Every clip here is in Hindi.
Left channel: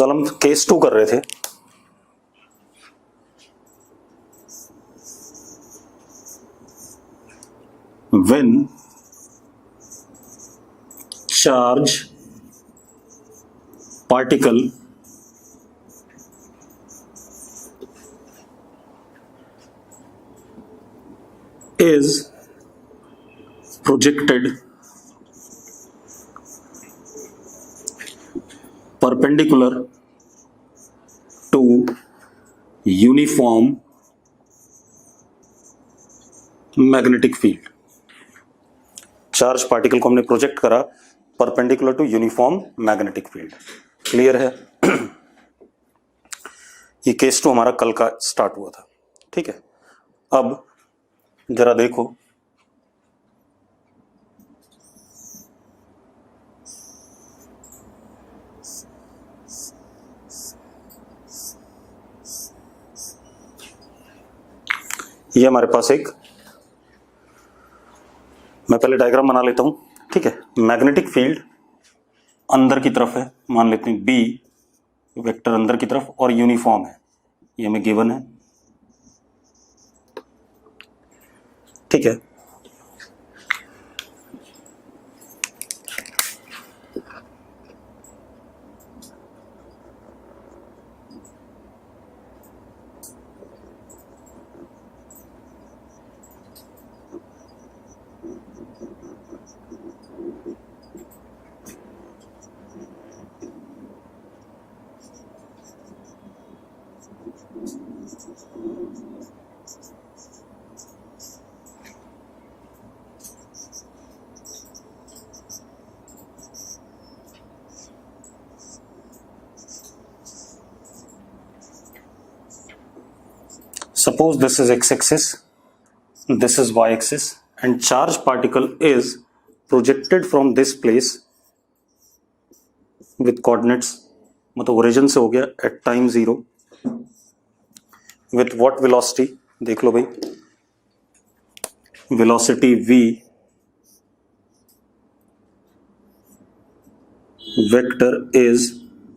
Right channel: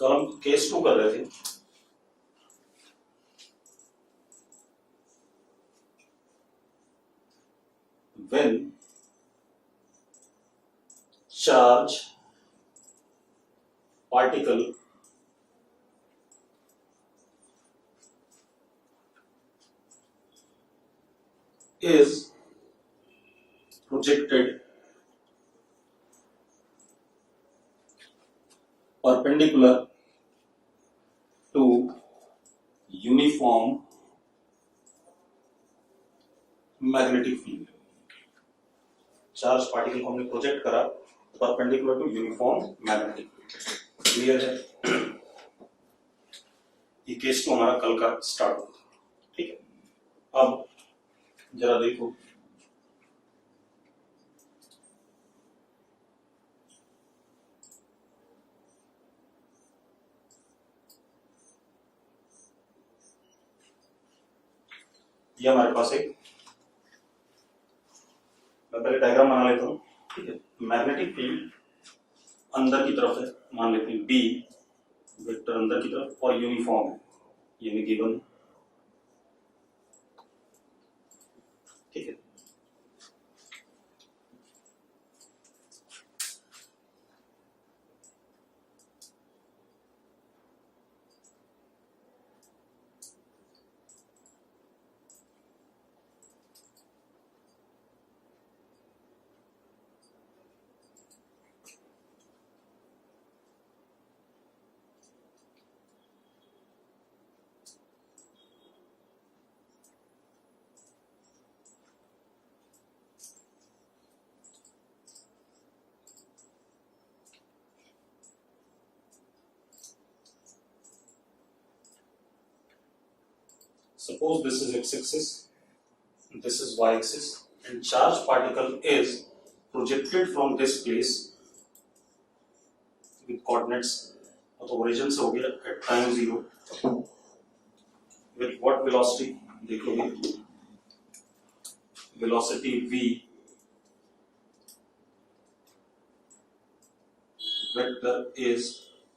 कल हम केस 2 कर रहे थे। When charge particle is projected perpendicular to uniform magnetic field. Charge particle को हमने प्रोजेक्ट करा perpendicular to uniform magnetic field. Clear है? ये केस 2 हमारा कल का स्टार्ट हुआ था। ठीक है, अब जरा देखो, ये हमारे पास एक, मैं पहले डायग्राम बना लेता हूं। ठीक है, मैग्नेटिक फील्ड अंदर की तरफ है, मान लेते हैं बी वेक्टर अंदर की तरफ, और यूनिफॉर्म है, ये हमें गिवन है। ठीक है, suppose this is x-axis, this is y-axis, and charge particle is projected from this place with coordinates, मतलब ओरिजिन से हो गया at time 0 with what velocity, देख लो भाई, velocity v vector is,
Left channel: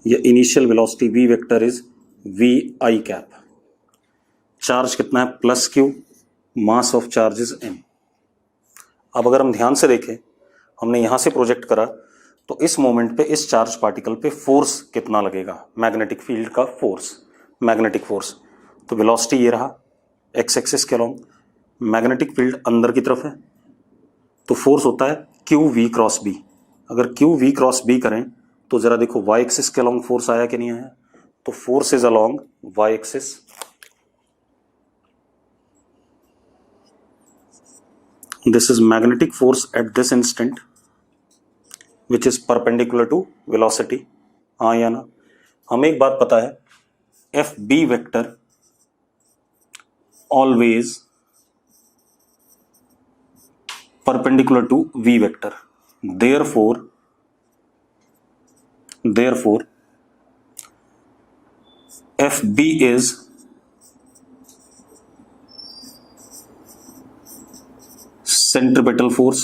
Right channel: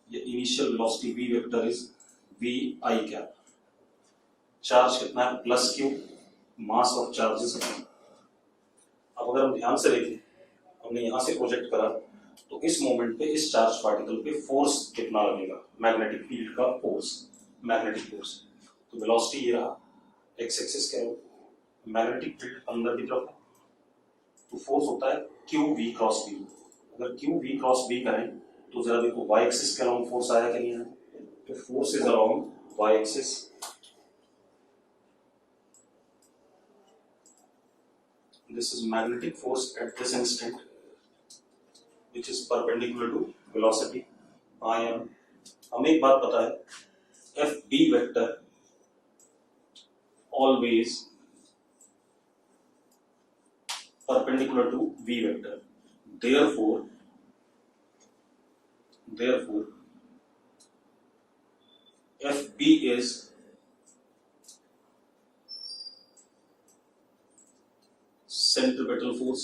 या initial velocity v vector is v I cap। Charge कितना है? Plus Q, mass of charges m। अब अगर हम ध्यान से देखें, हमने यहां से प्रोजेक्ट करा, तो इस मोमेंट पे इस चार्ज पार्टिकल पे फोर्स कितना लगेगा? मैग्नेटिक फील्ड का फोर्स, मैग्नेटिक फोर्स। तो वेलोसिटी ये रहा एक्स एक्सिस के अलोंग, मैग्नेटिक फील्ड अंदर की तरफ है, तो फोर्स होता है क्यू वी क्रॉस बी। अगर क्यू वी क्रॉस बी करें तो जरा देखो वाई एक्सिस के अलोंग फोर्स आया कि नहीं आया? तो force is along Y axis. This is magnetic force at this instant which is perpendicular to velocity। हाँ या ना? हमें एक बात पता है, F B vector always perpendicular to v vector, therefore fb is centripetal force.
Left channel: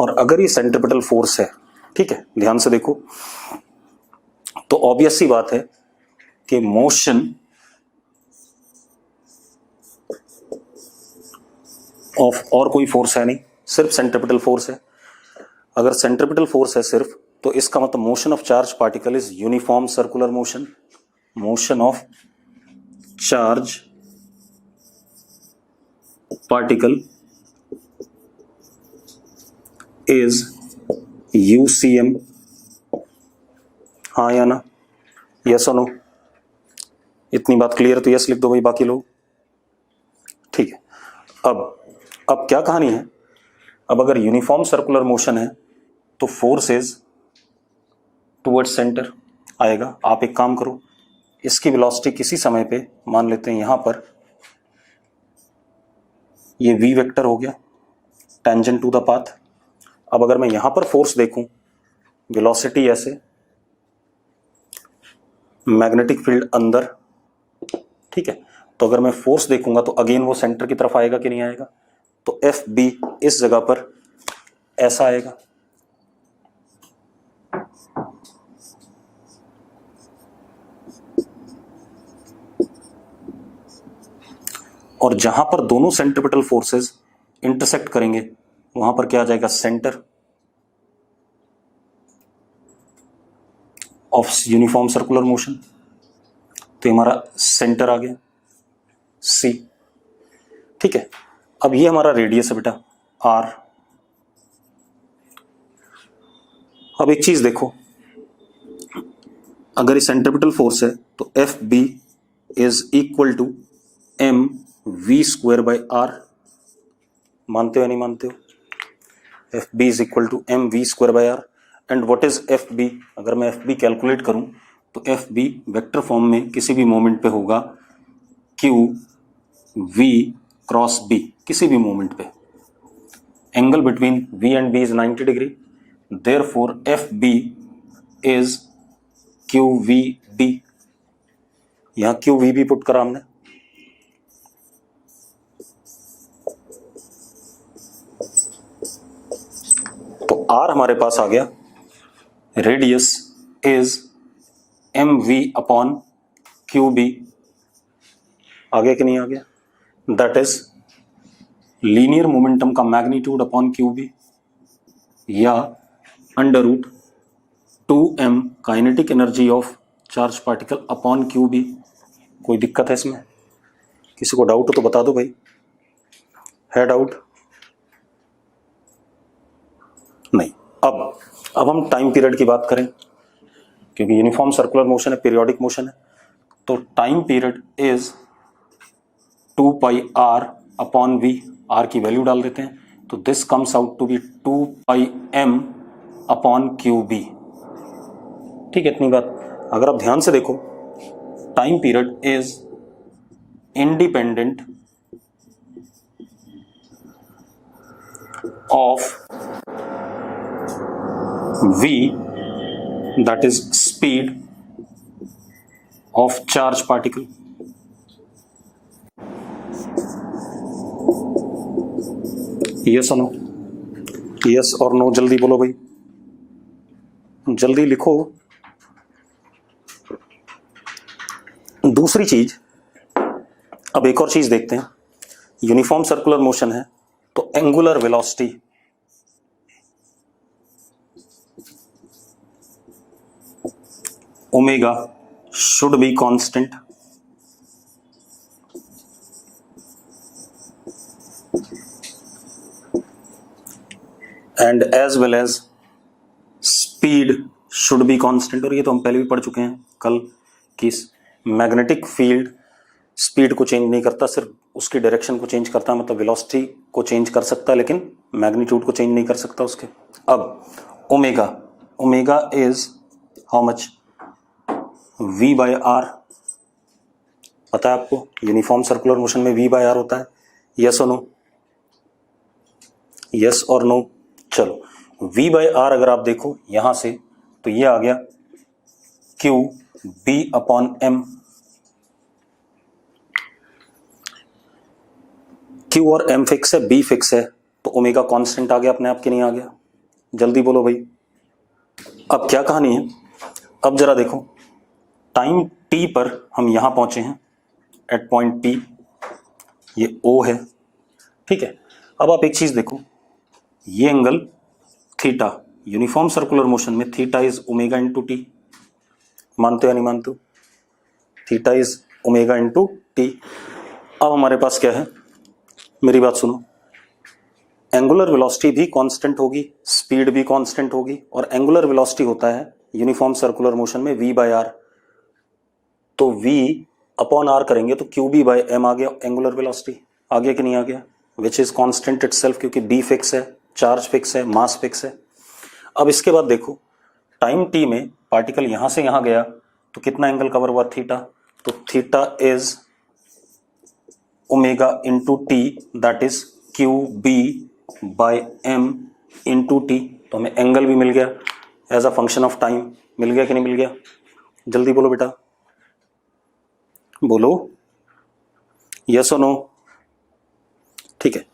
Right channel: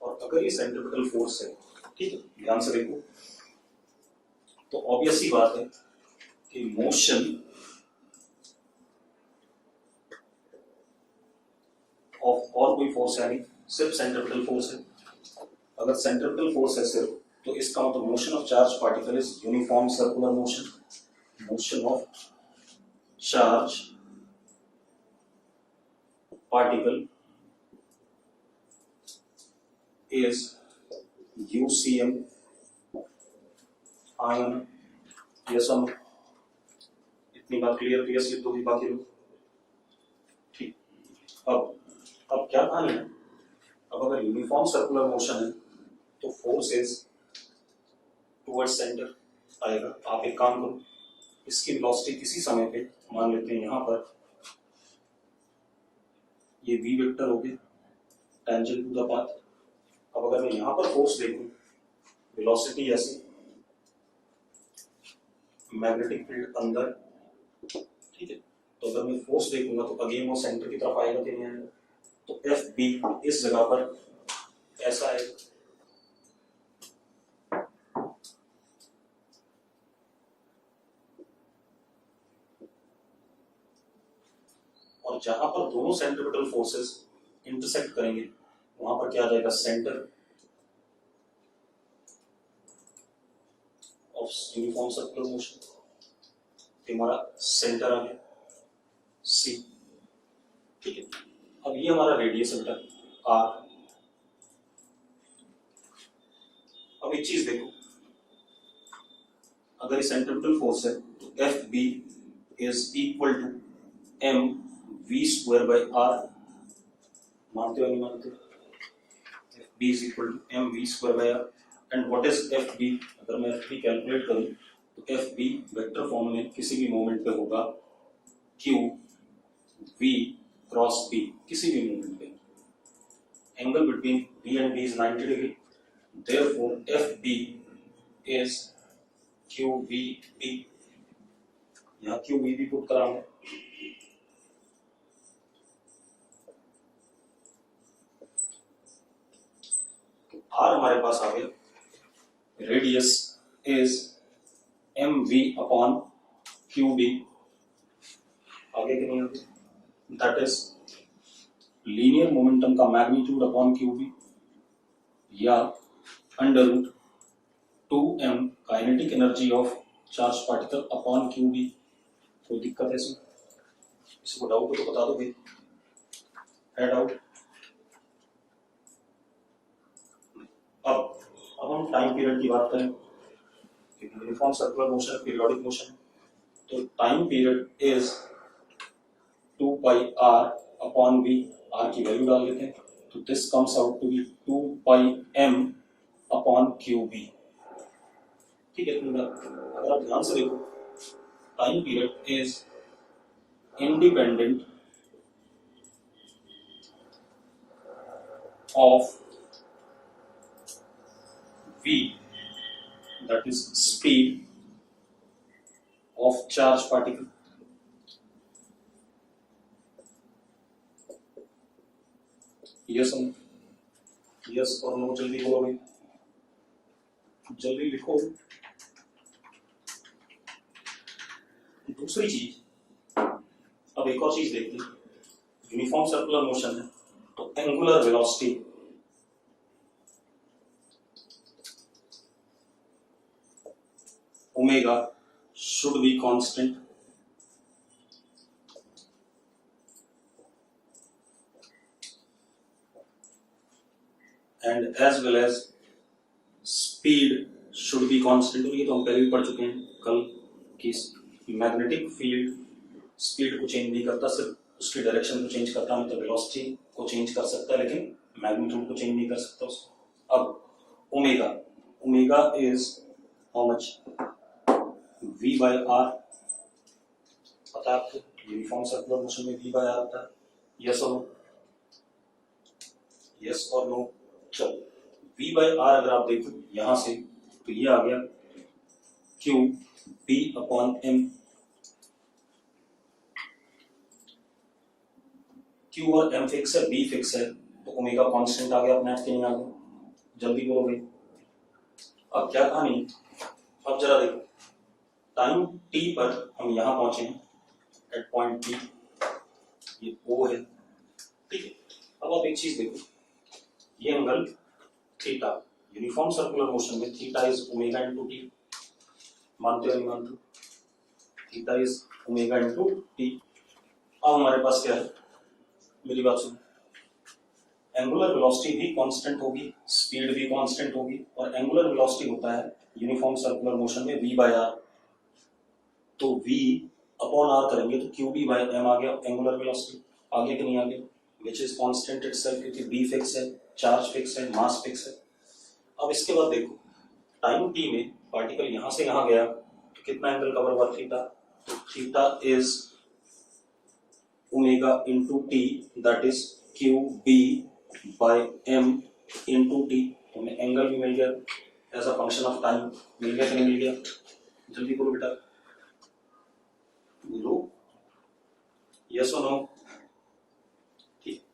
और अगर ये सेंट्रिपेटल फोर्स है, ठीक है, ध्यान से देखो, तो ऑब्वियस सी बात है कि मोशन ऑफ और कोई फोर्स है नहीं, सिर्फ सेंट्रिपेटल फोर्स है। अगर सेंट्रिपेटल फोर्स है सिर्फ, तो इसका मतलब motion of charge particle is uniform circular motion. Motion of charge particle is UCM. हाँ या ना? यस और नो? इतनी बात क्लियर? तो यस लिख दो भाई बाकी लोग। ठीक है, अब क्या कहानी है? अब अगर यूनिफॉर्म सर्कुलर मोशन है तो फोर्स इज टुवर्ड्स सेंटर आएगा। आप एक काम करो, इसकी वेलोसिटी किसी समय पे मान लेते हैं यहां पर, ये v वेक्टर हो गया टेंजेंट टू द पाथ। अब अगर मैं यहां पर फोर्स देखूं, वेलोसिटी ऐसे, मैग्नेटिक फील्ड अंदर, ठीक है, तो अगर मैं फोर्स देखूंगा तो अगेन वो सेंटर की तरफ आएगा कि नहीं आएगा? तो एफ बी इस जगह पर ऐसा आएगा। और जहां पर दोनों सेंट्रीपिटल फोर्सेस इंटरसेक्ट करेंगे वहां पर क्या आ जाएगा, centre of uniform circular motion. तो हमारा सेंटर आ गया सी। ठीक है, अब ये हमारा रेडियस है बेटा आर। अब एक चीज देखो, अगर ये सेंट्रीपिटल फोर्स है तो F B is equal to M V square by R. मानते हो या नहीं मानते हो? F B is equal to M V square by R. And what is F B? अगर मैं एफ बी कैलकुलेट करूं तो एफ बी वेक्टर फॉर्म में किसी भी मोमेंट पे होगा क्यू वी क्रॉस बी, किसी भी मोमेंट पे। Angle between V and B is 90 degree, therefore F B is Q V B. यहां क्यू वी बी पुट करा हमने। तो आर हमारे पास आ गया, radius is M V upon Q B. आ गया कि नहीं आ गया? दैट इज लीनियर मोमेंटम का मैग्नीट्यूड अपॉन क्यू बी, या under root 2m kinetic energy of charge particle upon Q B. कोई दिक्कत है इसमें? किसी को डाउट हो तो बता दो भाई। है डाउट? नहीं। अब हम टाइम पीरियड की बात करें, क्योंकि यूनिफॉर्म सर्कुलर मोशन है, पीरियोडिक मोशन है। तो time period is 2 pi R upon V. R की वैल्यू डाल देते हैं, तो this comes out to be 2 pi M upon Q B. ठीक है, इतनी बात। अगर आप ध्यान से देखो, time period is independent of v, that is speed of charge particle। yes or no? yes और नो जल्दी बोलो भाई, जल्दी लिखो। दूसरी चीज, अब एक और चीज देखते हैं। यूनिफॉर्म सर्कुलर मोशन है तो angular velocity omega should be constant and as well as speed should be constant। और ये तो हम पहले भी पढ़ चुके हैं कल कि मैग्नेटिक फील्ड स्पीड को चेंज नहीं करता, सिर्फ उसकी डायरेक्शन को चेंज करता है। मतलब वेलोसिटी को चेंज कर सकता है लेकिन मैग्नीट्यूड को चेंज नहीं कर सकता उसके। अब omega is how much? v by R. पता है आपको यूनिफॉर्म सर्कुलर मोशन में v बाय आर होता है। यस और नो? यस और नो? चलो, v बाय आर अगर आप देखो यहां से तो ये आ गया q b upon m। q और m फिक्स है, b फिक्स है, तो ओमेगा कांस्टेंट आ गया अपने आप। के नहीं आ गया? जल्दी बोलो भाई। अब क्या कहानी है? अब जरा देखो, टाइम t पर हम यहां पहुंचे हैं एट पॉइंट t, ये O है। ठीक है, अब आप एक चीज देखो, ये angle theta, uniform circular motion में theta is omega into T. मानते हो या नहीं मानते हो? Theta is omega into T. अब हमारे पास क्या है, मेरी बात सुनो, एंगुलर वेलोसिटी भी कांस्टेंट होगी, स्पीड भी कांस्टेंट होगी, और एंगुलर वेलोसिटी होता है यूनिफॉर्म सर्कुलर मोशन में v बाय आर। तो v अपॉन आर करेंगे तो क्यू बी बाय एम आ गया एंगुलर वेलोसिटी। आ गया कि नहीं आ गया? विच इज कांस्टेंट इटसेल्फ, क्योंकि b फिक्स है, चार्ज फिक्स है, मास फिक्स है। अब इसके बाद देखो, टाइम t में पार्टिकल यहां से यहां गया तो कितना एंगल कवर हुआ? थीटा। तो theta is omega into T, that is Q B by M into T. तो हमें एंगल भी मिल गया as a function of time. मिल गया कि नहीं मिल गया? जल्दी बोलो बेटा, बोलो यस और नो। ठीक है,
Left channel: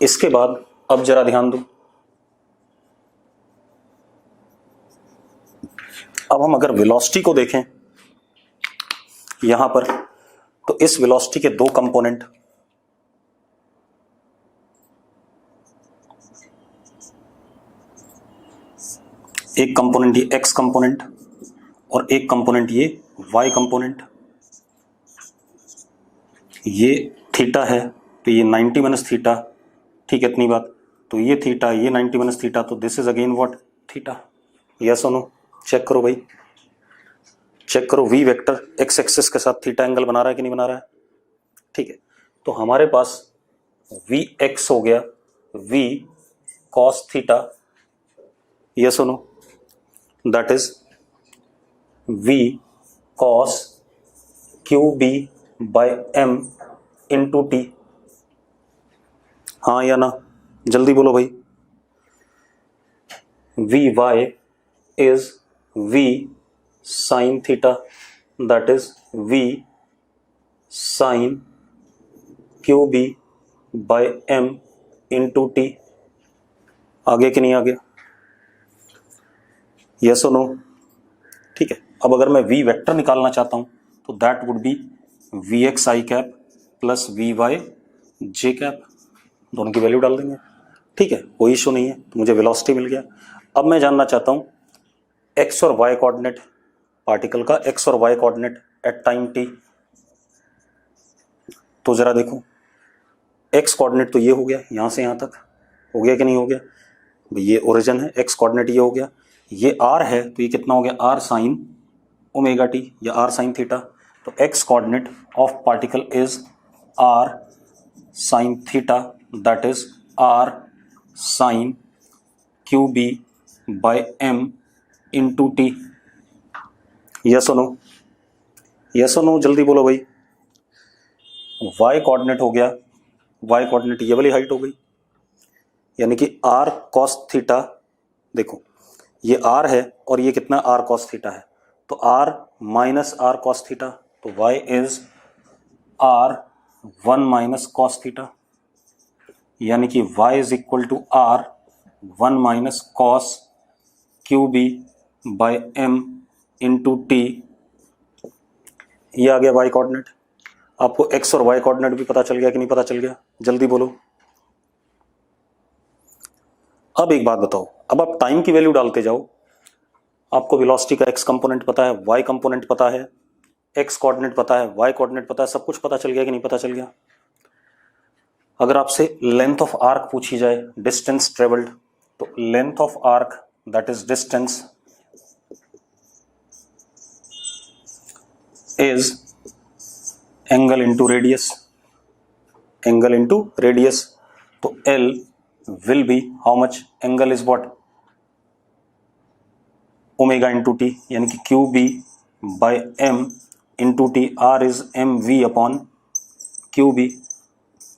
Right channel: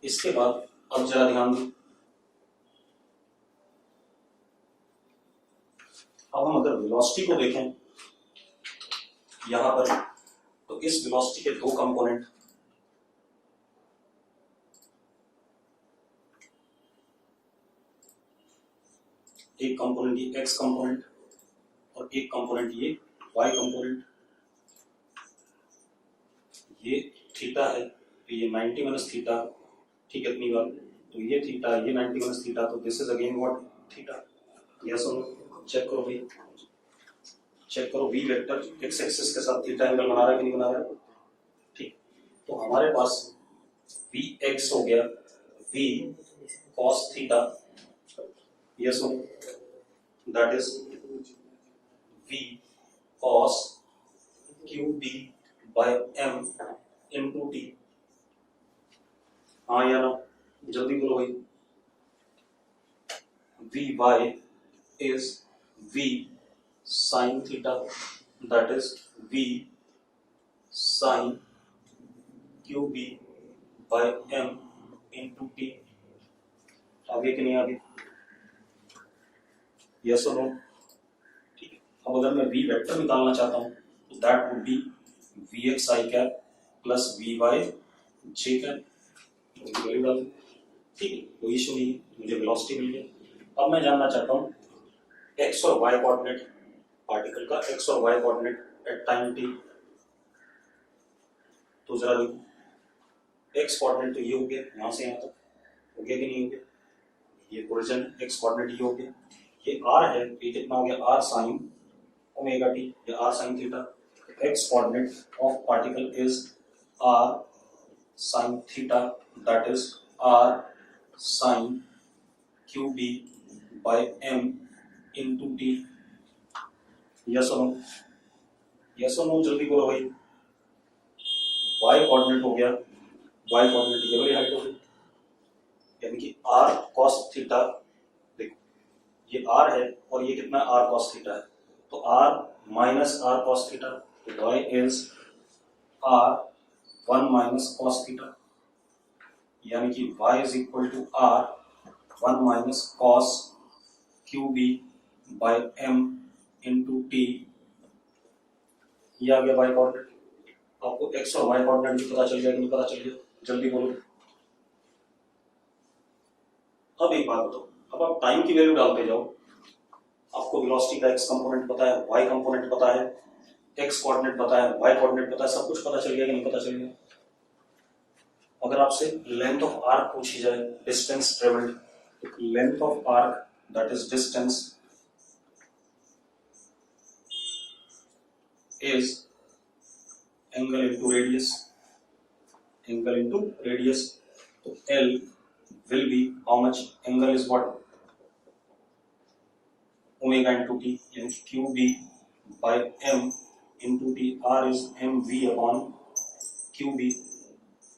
इसके बाद अब जरा ध्यान दो, अब हम अगर वेलोसिटी को देखें यहां पर, तो इस वेलोसिटी के दो कंपोनेंट, एक कंपोनेंट ये एक्स कंपोनेंट और एक कंपोनेंट ये वाई कंपोनेंट। ये थीटा है तो ये 90 माइनस थीटा, ठीक है इतनी बात। तो ये थीटा, ये 90 माइनस थीटा, तो this is again what, theta. Yes और नो? चेक करो भाई, चेक करो। वी वेक्टर एक्स एक्सिस के साथ थीटा एंगल बना रहा है कि नहीं बना रहा है? ठीक है, तो हमारे पास वी एक्स हो गया वी कॉस थीटा, यस और no? That is V cos Q B by M into T. हाँ या ना? जल्दी बोलो भाई। V Y is V sine theta, that is V sine Q B by M into T. आगे कि नहीं आ गया? यस और नो? ठीक है, अब अगर मैं वी वेक्टर निकालना चाहता हूं तो that would be V X I cap plus V Y J cap, दोनों की वैल्यू डाल देंगे। ठीक है, कोई इशू नहीं है, तो मुझे वेलोसिटी मिल गया। अब मैं जानना चाहता हूं एक्स और वाई कोऑर्डिनेट पार्टिकल का, एक्स और Y coordinate at time T. तो जरा देखो, एक्स कोऑर्डिनेट तो ये हो गया, यहां से यहां तक हो गया कि नहीं हो गया? ये ओरिजिन है, एक्स कोऑर्डिनेट ये हो गया, ये आर है तो ये कितना हो गया, आर साइन ओमेगा टी या आर साइन थीटा। तो X coordinate of particle is R sine theta, that is R sine Q B by M into T. Yes और नो? यस और नो? जल्दी बोलो भाई। वाई कोऑर्डिनेट हो गया, वाई कोऑर्डिनेट ये वाली हाइट हो गई, यानी कि आर कॉस थीटा। देखो ये आर है और ये कितना आर कॉस थीटा है, तो R minus R cos theta, तो Y is R 1 minus cos theta, यानी कि Y is equal to R 1 minus cos Q B by M into T. ये आ गया वाई कोऑर्डिनेट। आपको एक्स और वाई कोऑर्डिनेट भी पता चल गया कि नहीं पता चल गया? जल्दी बोलो। अब एक बात बताओ, अब आप टाइम की वैल्यू डालते जाओ। आपको वेलोसिटी का एक्स कंपोनेंट पता है, वाई कंपोनेंट पता है, एक्स कोऑर्डिनेट पता है, वाई कोऑर्डिनेट पता है, सब कुछ पता चल गया कि नहीं पता चल गया? अगर आपसे लेंथ ऑफ आर्क पूछी जाए, डिस्टेंस ट्रेवल्ड, तो length of arc that is distance is angle into radius, angle into radius. तो L will be how much? Angle is what? Omega into T, यानी कि Q B by M into T. R is M V upon Q B,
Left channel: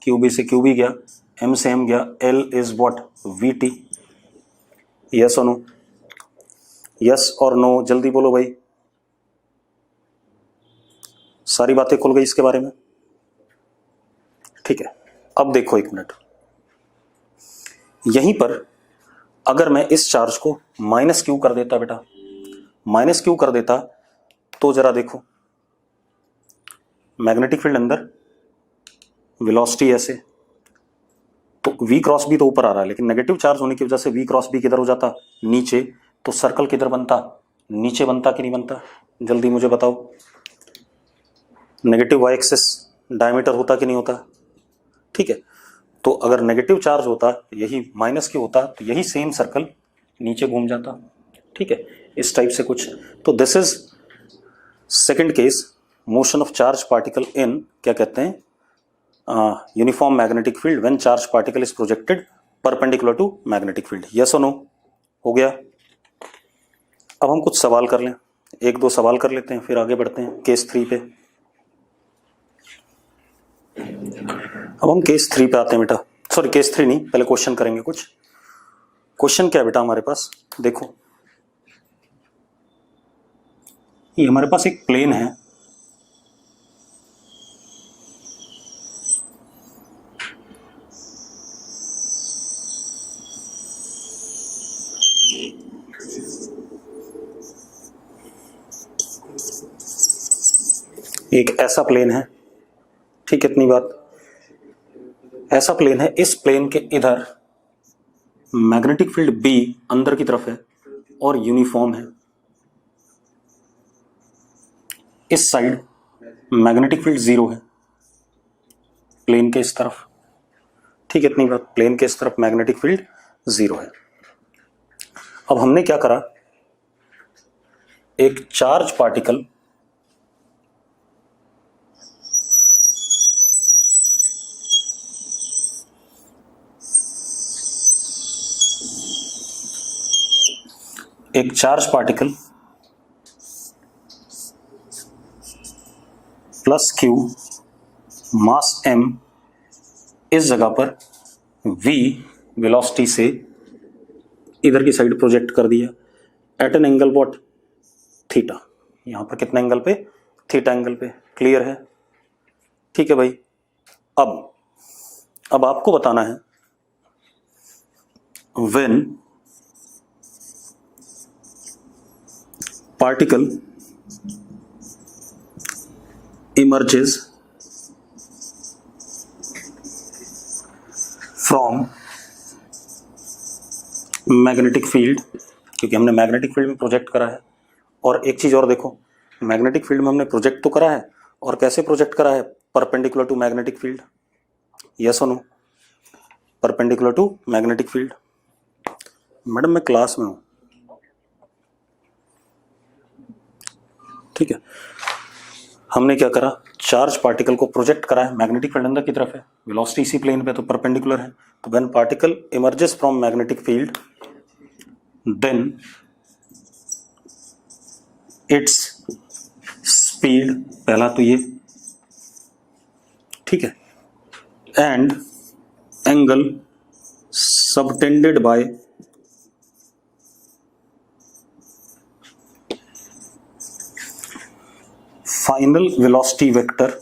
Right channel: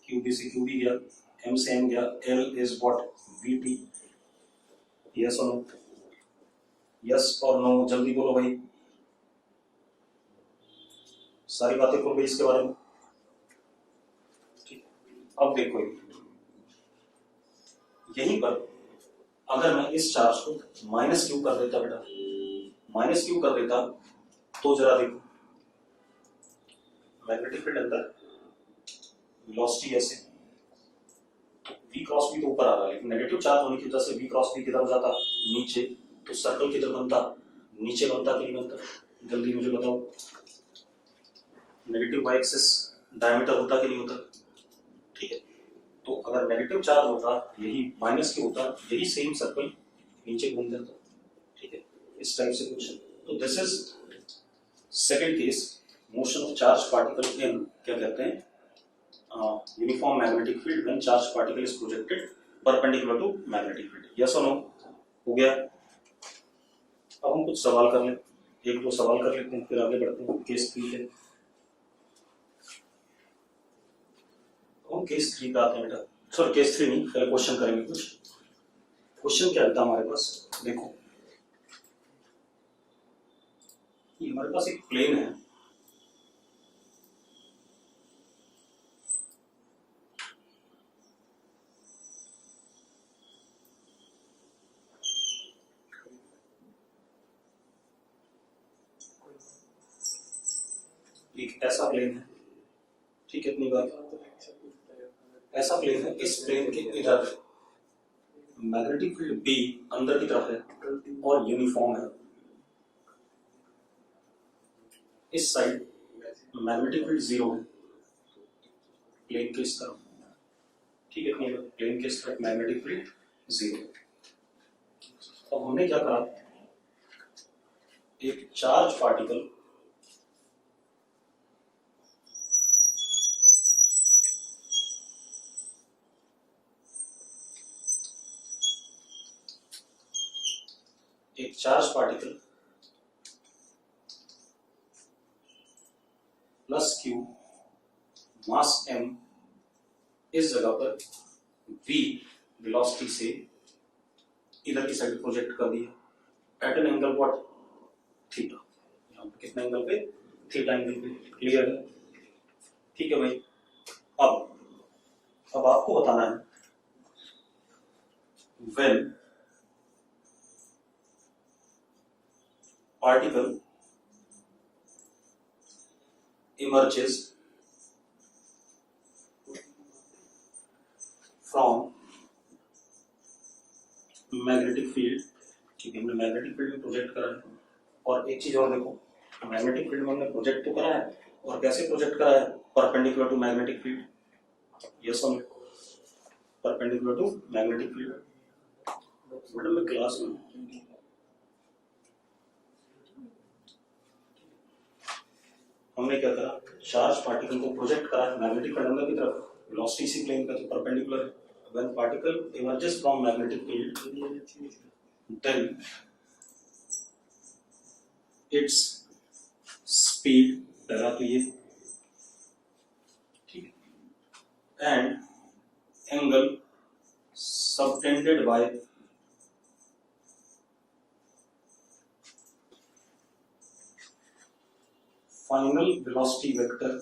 Q B से क्यू बी गया, एम से एम गया, L is what? V T. Yes और नो? यस और नो? जल्दी बोलो भाई। सारी बातें खुल गई इसके बारे में? ठीक है, अब देखो एक मिनट, यहीं पर अगर मैं इस चार्ज को माइनस क्यू कर देता, बेटा माइनस क्यू कर देता, तो जरा देखो मैग्नेटिक फील्ड अंदर, वेलोसिटी ऐसे, तो वी क्रॉस बी तो ऊपर आ रहा है, लेकिन नेगेटिव चार्ज होने की वजह से वी क्रॉस बी किधर हो जाता? नीचे। तो सर्कल किधर बनता? नीचे बनता कि नहीं बनता? जल्दी मुझे बताओ। नेगेटिव वाई एक्सिस डायमीटर होता कि नहीं होता? ठीक है, तो अगर नेगेटिव चार्ज होता, यही माइनस क्यू होता, तो यही सेम सर्कल नीचे घूम जाता। ठीक है, इस टाइप से कुछ। तो this is second case, motion of charge particle in, क्या कहते हैं, uniform magnetic field when charge particle is projected perpendicular to magnetic field. Yes और नो? हो गया। अब हम कुछ सवाल कर लें, एक दो सवाल कर लेते हैं, फिर आगे बढ़ते हैं केस 3 पे। अब हम केस 3 पे आते हैं बेटा, सॉरी केस 3 नहीं, पहले क्वेश्चन करेंगे कुछ। क्वेश्चन क्या है बेटा हमारे पास? देखो ये हमारे पास एक प्लेन है, एक ऐसा प्लेन है, ठीक है इतनी बात, ऐसा प्लेन है, इस प्लेन के इधर मैग्नेटिक फील्ड बी अंदर की तरफ है, और यूनिफॉर्म है। इस साइड मैग्नेटिक फील्ड 0 है, प्लेन के इस तरफ, ठीक है, इतनी बात, प्लेन के इस तरफ मैग्नेटिक फील्ड 0 है। अब हमने क्या करा, एक charge particle plus Q mass m इस जगह पर v वेलोसिटी से इधर की साइड प्रोजेक्ट कर दिया at an angle what, theta. यहां पर कितना एंगल पे, थीटा एंगल पे। क्लियर है, ठीक है भाई। अब आपको बताना है when particle emerges from magnetic field, क्योंकि हमने मैग्नेटिक फील्ड में प्रोजेक्ट करा है। और एक चीज और देखो, मैग्नेटिक फील्ड में हमने प्रोजेक्ट तो करा है, और कैसे प्रोजेक्ट करा है, perpendicular to magnetic field. Yes और no, perpendicular to magnetic field. Madam मैं क्लास में हूं, ठीक है। हमने क्या करा, चार्ज पार्टिकल को प्रोजेक्ट करा है, मैग्नेटिक फील्ड अंदर की तरफ है, वेलोसिटी इसी प्लेन पे, तो परपेंडिकुलर है। तो when particle emerges from magnetic field then its speed, पहला तो ये, ठीक है, and angle subtended by final velocity vector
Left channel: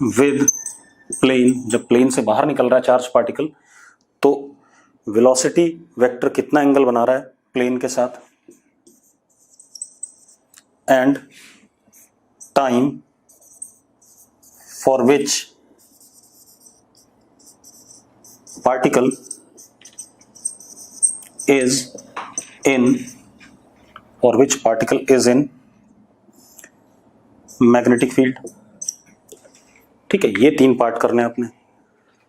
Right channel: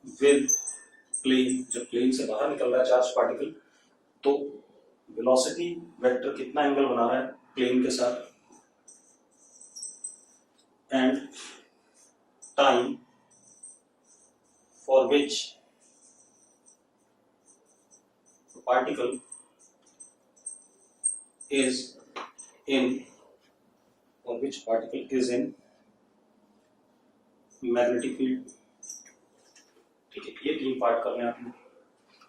with plane. जब प्लेन से बाहर निकल रहा है चार्ज पार्टिकल, तो वेलोसिटी वेक्टर कितना एंगल बना रहा है प्लेन के साथ, and time for which particle is in magnetic field. ठीक है, ये 3 पार्ट करने हैं आपने,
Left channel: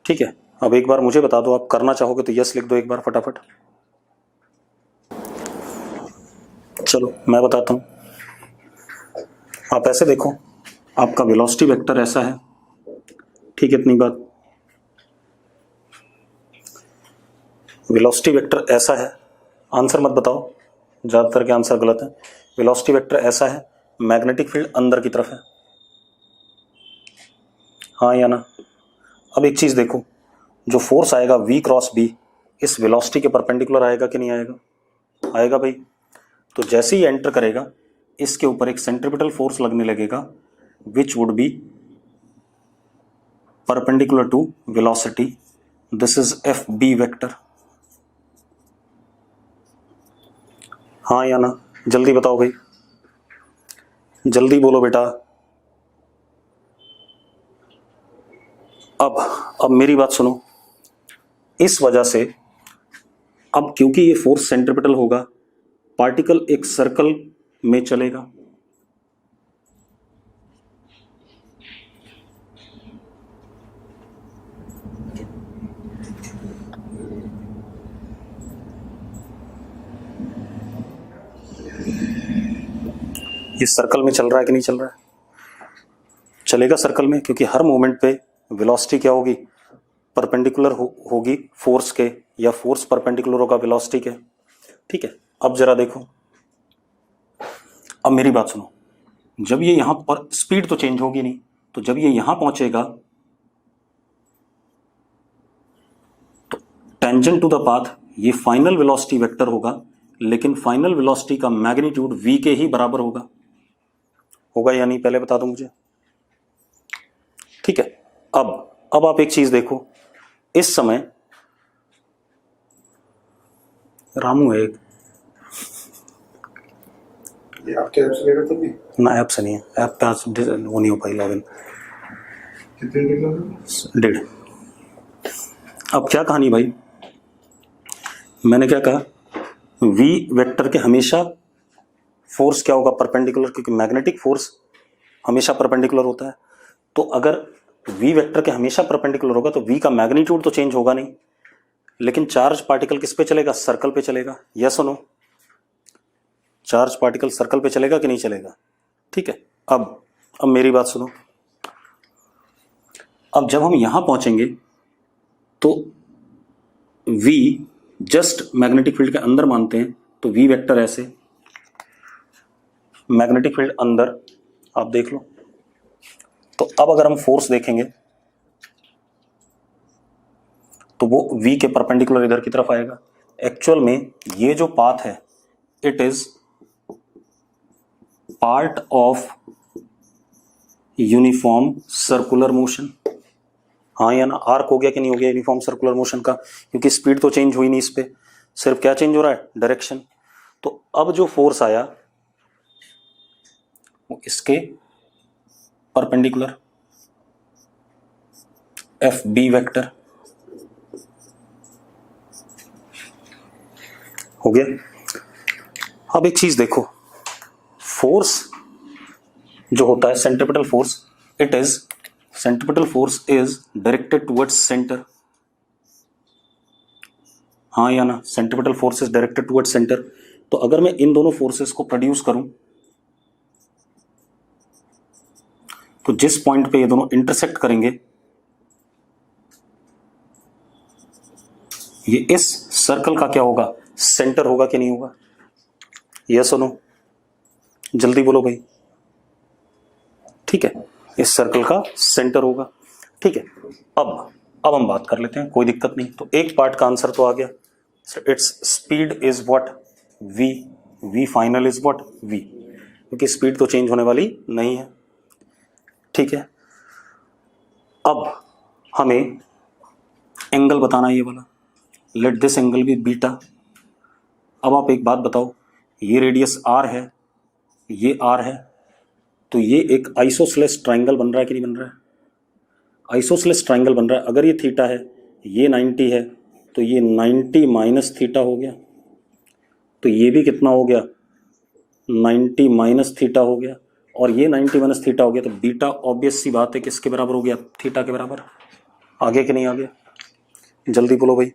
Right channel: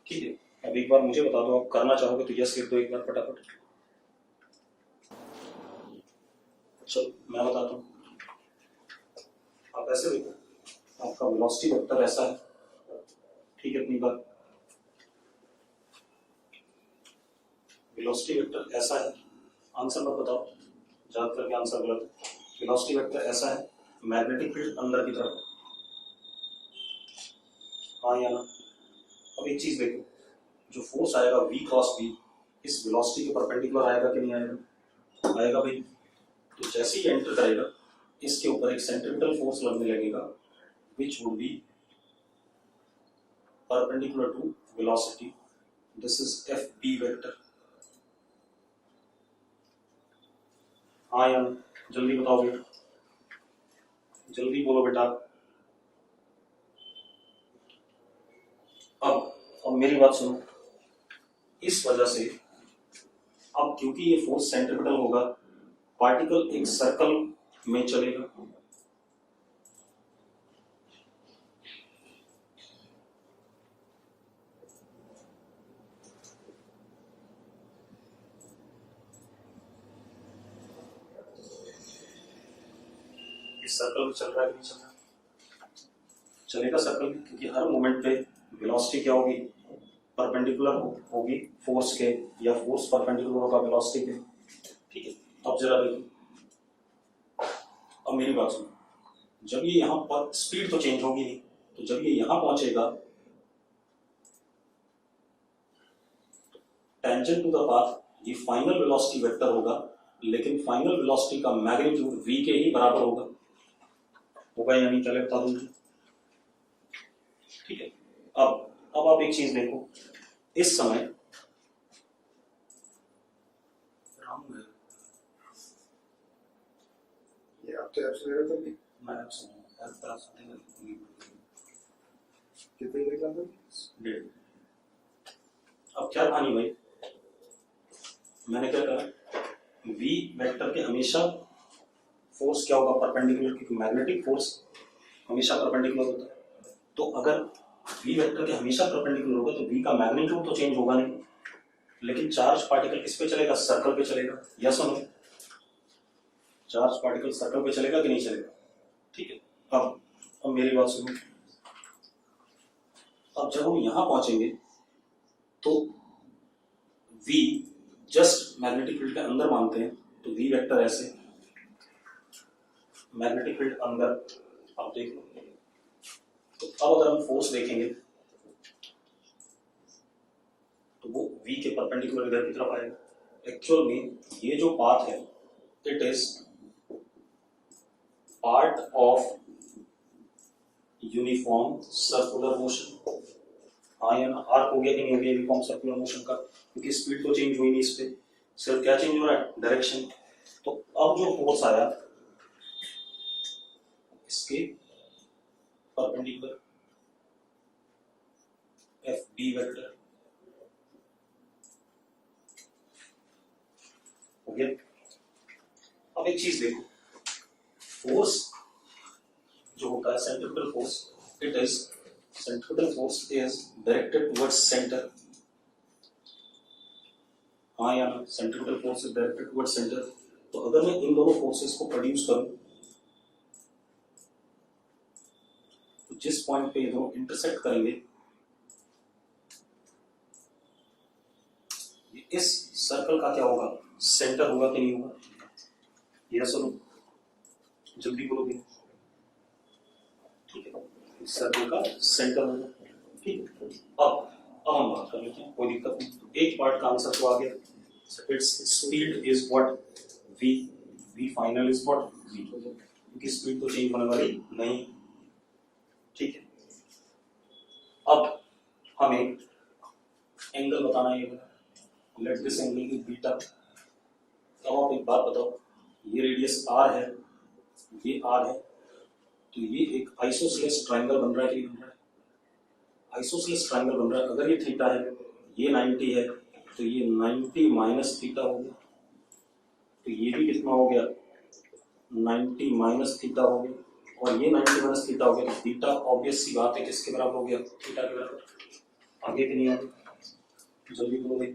ठीक है। अब एक बार मुझे बता दो, आप करना चाहोगे तो यस लिख दो एक बार फटाफट। चलो मैं बताता हूं, आप ऐसे देखो, आपका वेलोसिटी वेक्टर ऐसा है, ठीक है, इतनी बात, वेलोसिटी वेक्टर ऐसा है। आंसर मत बताओ, ज्यादातर के आंसर गलत है। वेलोसिटी वेक्टर ऐसा है, मैग्नेटिक फील्ड अंदर की तरफ है, हाँ या ना। अब एक चीज देखो, जो फोर्स आएगा v क्रॉस b इस वेलोसिटी के परपेंडिकुलर आएगा कि नहीं आएगा, आएगा भाई। तो जैसे ही एंटर करेगा, इसके ऊपर एक सेंट्रीपिटल फोर्स लगने लगेगा which would be perpendicular to velocity, this is F B vector, हाँ या ना। जल्दी बताओ भाई, जल्दी बोलो बेटा। अब मेरी बात सुनो, इस वजह से अब क्योंकि ये फोर्स सेंट्रीपिटल होगा, पार्टिकल एक सर्कल में चलेगा, ये सर्कल में चल रहा है कि नहीं चल रहा है, चलेगा सर्कल में, क्योंकि हर मोमेंट पे वेलोसिटी क्या होगी, परपेंडिकुलर होगी फोर्स के, या फोर्स परपेंडिकुलर होगा वेलोसिटी के, ठीक है। अब जरा देखो, अब मेरी बात सुनो, जब ये यहां पर स्पीड तो चेंज होगी नहीं, तो जब ये यहां पहुंचेगा तो टेंजेंट टू द पाथ ये फाइनल वेलोसिटी वेक्टर होगा, लेकिन फाइनल वेलोसिटी का मैग्नीट्यूड v के ही बराबर होगा या नहीं, पहले बता दो मुझे, ठीक है। अब आप एक चीज देखो, इस समय रामू है एक, ये आपके ऐप से ले रहे थे भी? ना ऐप से नहीं है, ऐप पे आज वो नहीं हो पाई लॉगिन, कितने दिन लगे? 1.5। अब क्या कहानी भाई, मैंने क्या कहा, v वेक्टर के हमेशा फोर्स क्या होगा, परपेंडिकुलर, क्योंकि मैग्नेटिक फोर्स हमेशा परपेंडिकुलर होता है। तो अगर v वेक्टर के हमेशा परपेंडिकुलर होगा तो v का मैग्नीट्यूड तो चेंज होगा नहीं, लेकिन चार्ज पार्टिकल किस पे चलेगा, सर्कल पे चलेगा। यस और नो, चार्ज पार्टिकल सर्कल पे चलेगा कि नहीं चलेगा? ठीक है। अब मेरी बात सुनो। अब जब हम यहां पहुंचेंगे तो v जस्ट मैग्नेटिक फील्ड के अंदर मानते हैं, तो v वेक्टर ऐसे, मैग्नेटिक फील्ड अंदर, आप देख लो। तो अब अगर हम फोर्स देखेंगे तो वो v के परपेंडिकुलर इधर की तरफ आएगा। एक्चुअल में ये जो पाथ है it is part of uniform circular motion. हाँ या ना, आर्क हो गया कि नहीं हो गया यूनिफॉर्म सर्कुलर मोशन का, क्योंकि स्पीड तो चेंज हुई नहीं, इस पे सिर्फ क्या चेंज हो रहा है, डायरेक्शन। तो अब जो फोर्स आया वो इसके परपेंडिकुलर, एफ बी वेक्टर हो गया। अब एक चीज देखो, फोर्स जो होता है centripetal force, it is centripetal force is directed towards centre. हाँ या ना, centripetal force is directed towards centre. तो अगर मैं इन दोनों फोर्सेस को प्रोड्यूस करूं तो जिस पॉइंट पे ये दोनों इंटरसेक्ट करेंगे ये इस सर्कल का क्या होगा, सेंटर होगा कि नहीं होगा? यस और नो, जल्दी बोलो भाई। ठीक है, इस सर्कल का सेंटर होगा। ठीक है, अब हम बात कर लेते हैं, कोई दिक्कत नहीं। तो एक पार्ट का आंसर तो आ गया, its speed is what, v final is what, v, क्योंकि स्पीड तो चेंज होने वाली नहीं है। ठीक है, अब हमें एंगल बताना है ये वाला, let this angle be beta. अब आप एक बात बताओ, ये रेडियस r है, ये r है, तो ये एक आइसोसेलेस ट्राइंगल बन रहा है कि नहीं बन रहा है? आइसोसेलेस ट्राइंगल बन रहा है। अगर ये थीटा है, ये 90 है, तो ये 90 माइनस थीटा हो गया, तो ये भी कितना हो गया, 90 माइनस थीटा हो गया, और ये 90 माइनस थीटा हो गया। तो बीटा ऑब्वियस सी बात है किसके बराबर हो गया, थीटा के बराबर। आगे कि नहीं आगे, जल्दी बोलो भाई।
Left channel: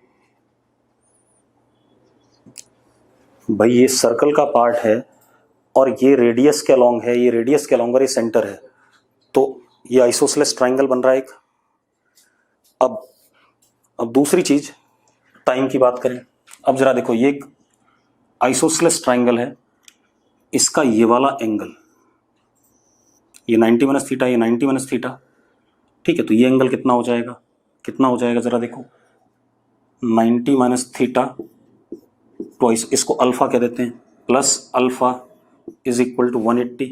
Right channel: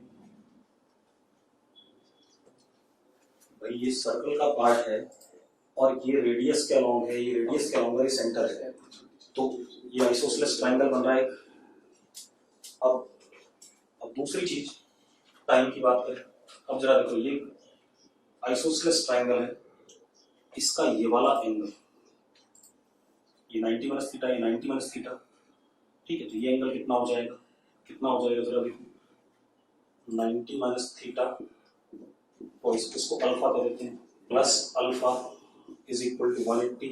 भाई ये सर्कल का पार्ट है और ये रेडियस के अलॉन्ग है, ये रेडियस के अलॉन्ग और ये सेंटर है, तो ये आइसोसेलेस ट्राइंगल बन रहा है एक। अब दूसरी चीज, टाइम की बात करें। अब जरा देखो, ये एक आइसोसेलेस ट्राइंगल है, इसका ये वाला एंगल, ये 90 माइनस थीटा, ये 90 माइनस थीटा। ठीक है, तो ये एंगल कितना हो जाएगा, कितना हो जाएगा जरा देखो, 90 माइनस थीटा ट्वाइस, इसको अल्फा कह देते हैं, plus alpha is equal to 180।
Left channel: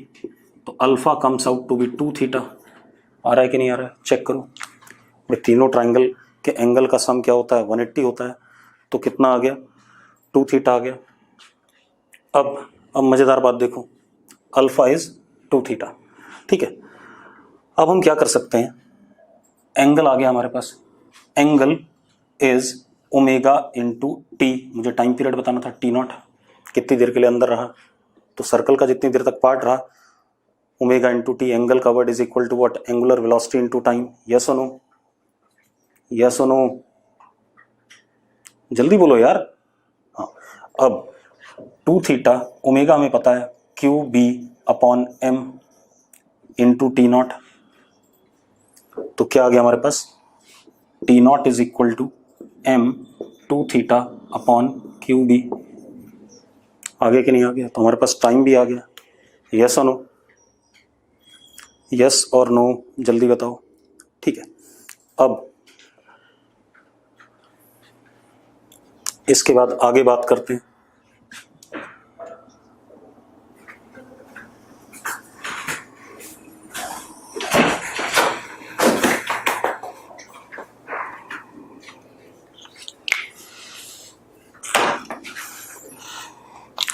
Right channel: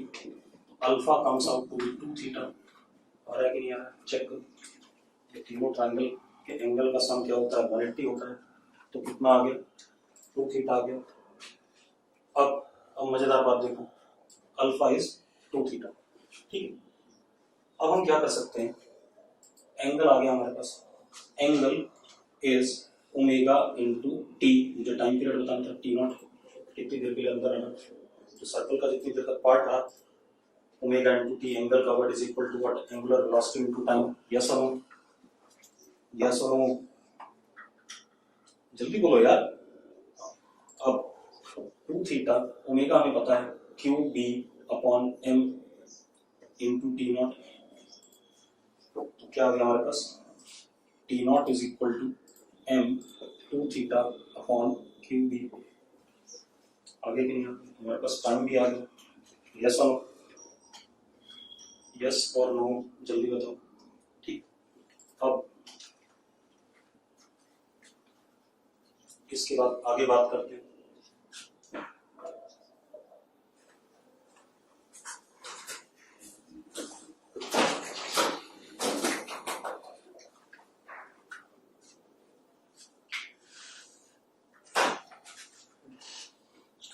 तो alpha comes out to be 2 theta. आ रहा है कि नहीं आ रहा है, चेक करो। ये तीनों ट्राइंगल के एंगल का सम क्या होता है, 180 होता है, तो कितना आ गया, 2 थीटा आ गया। अब मजेदार बात देखो, अल्फा इज 2 थीटा। ठीक है, अब हम क्या कर सकते हैं, एंगल आ गया हमारे पास, angle is omega into T. मुझे टाइम पीरियड बताना था, टी नॉट, कितनी देर के लिए अंदर रहा, तो सर्कल का जितनी देर तक पार्ट रहा, ओमेगा इंटू टी, एंगल का word is equal to what, angular velocity into time. Yes और नो, यस और नो, जल्दी बोलो यार। हाँ, अब 2 थीटा, ओमेगा हमें पता है, Q B upon M into T naught. तो क्या आ गया हमारे पास, T naught is equal to M 2 theta upon Q B. आगे कि नहीं आ गया? तो हमारे पास टाइम भी आ गया। यस और नो, यस और नो, जल्दी बताओ। ठीक है, अब इसके बाद आगे बात करते हैं।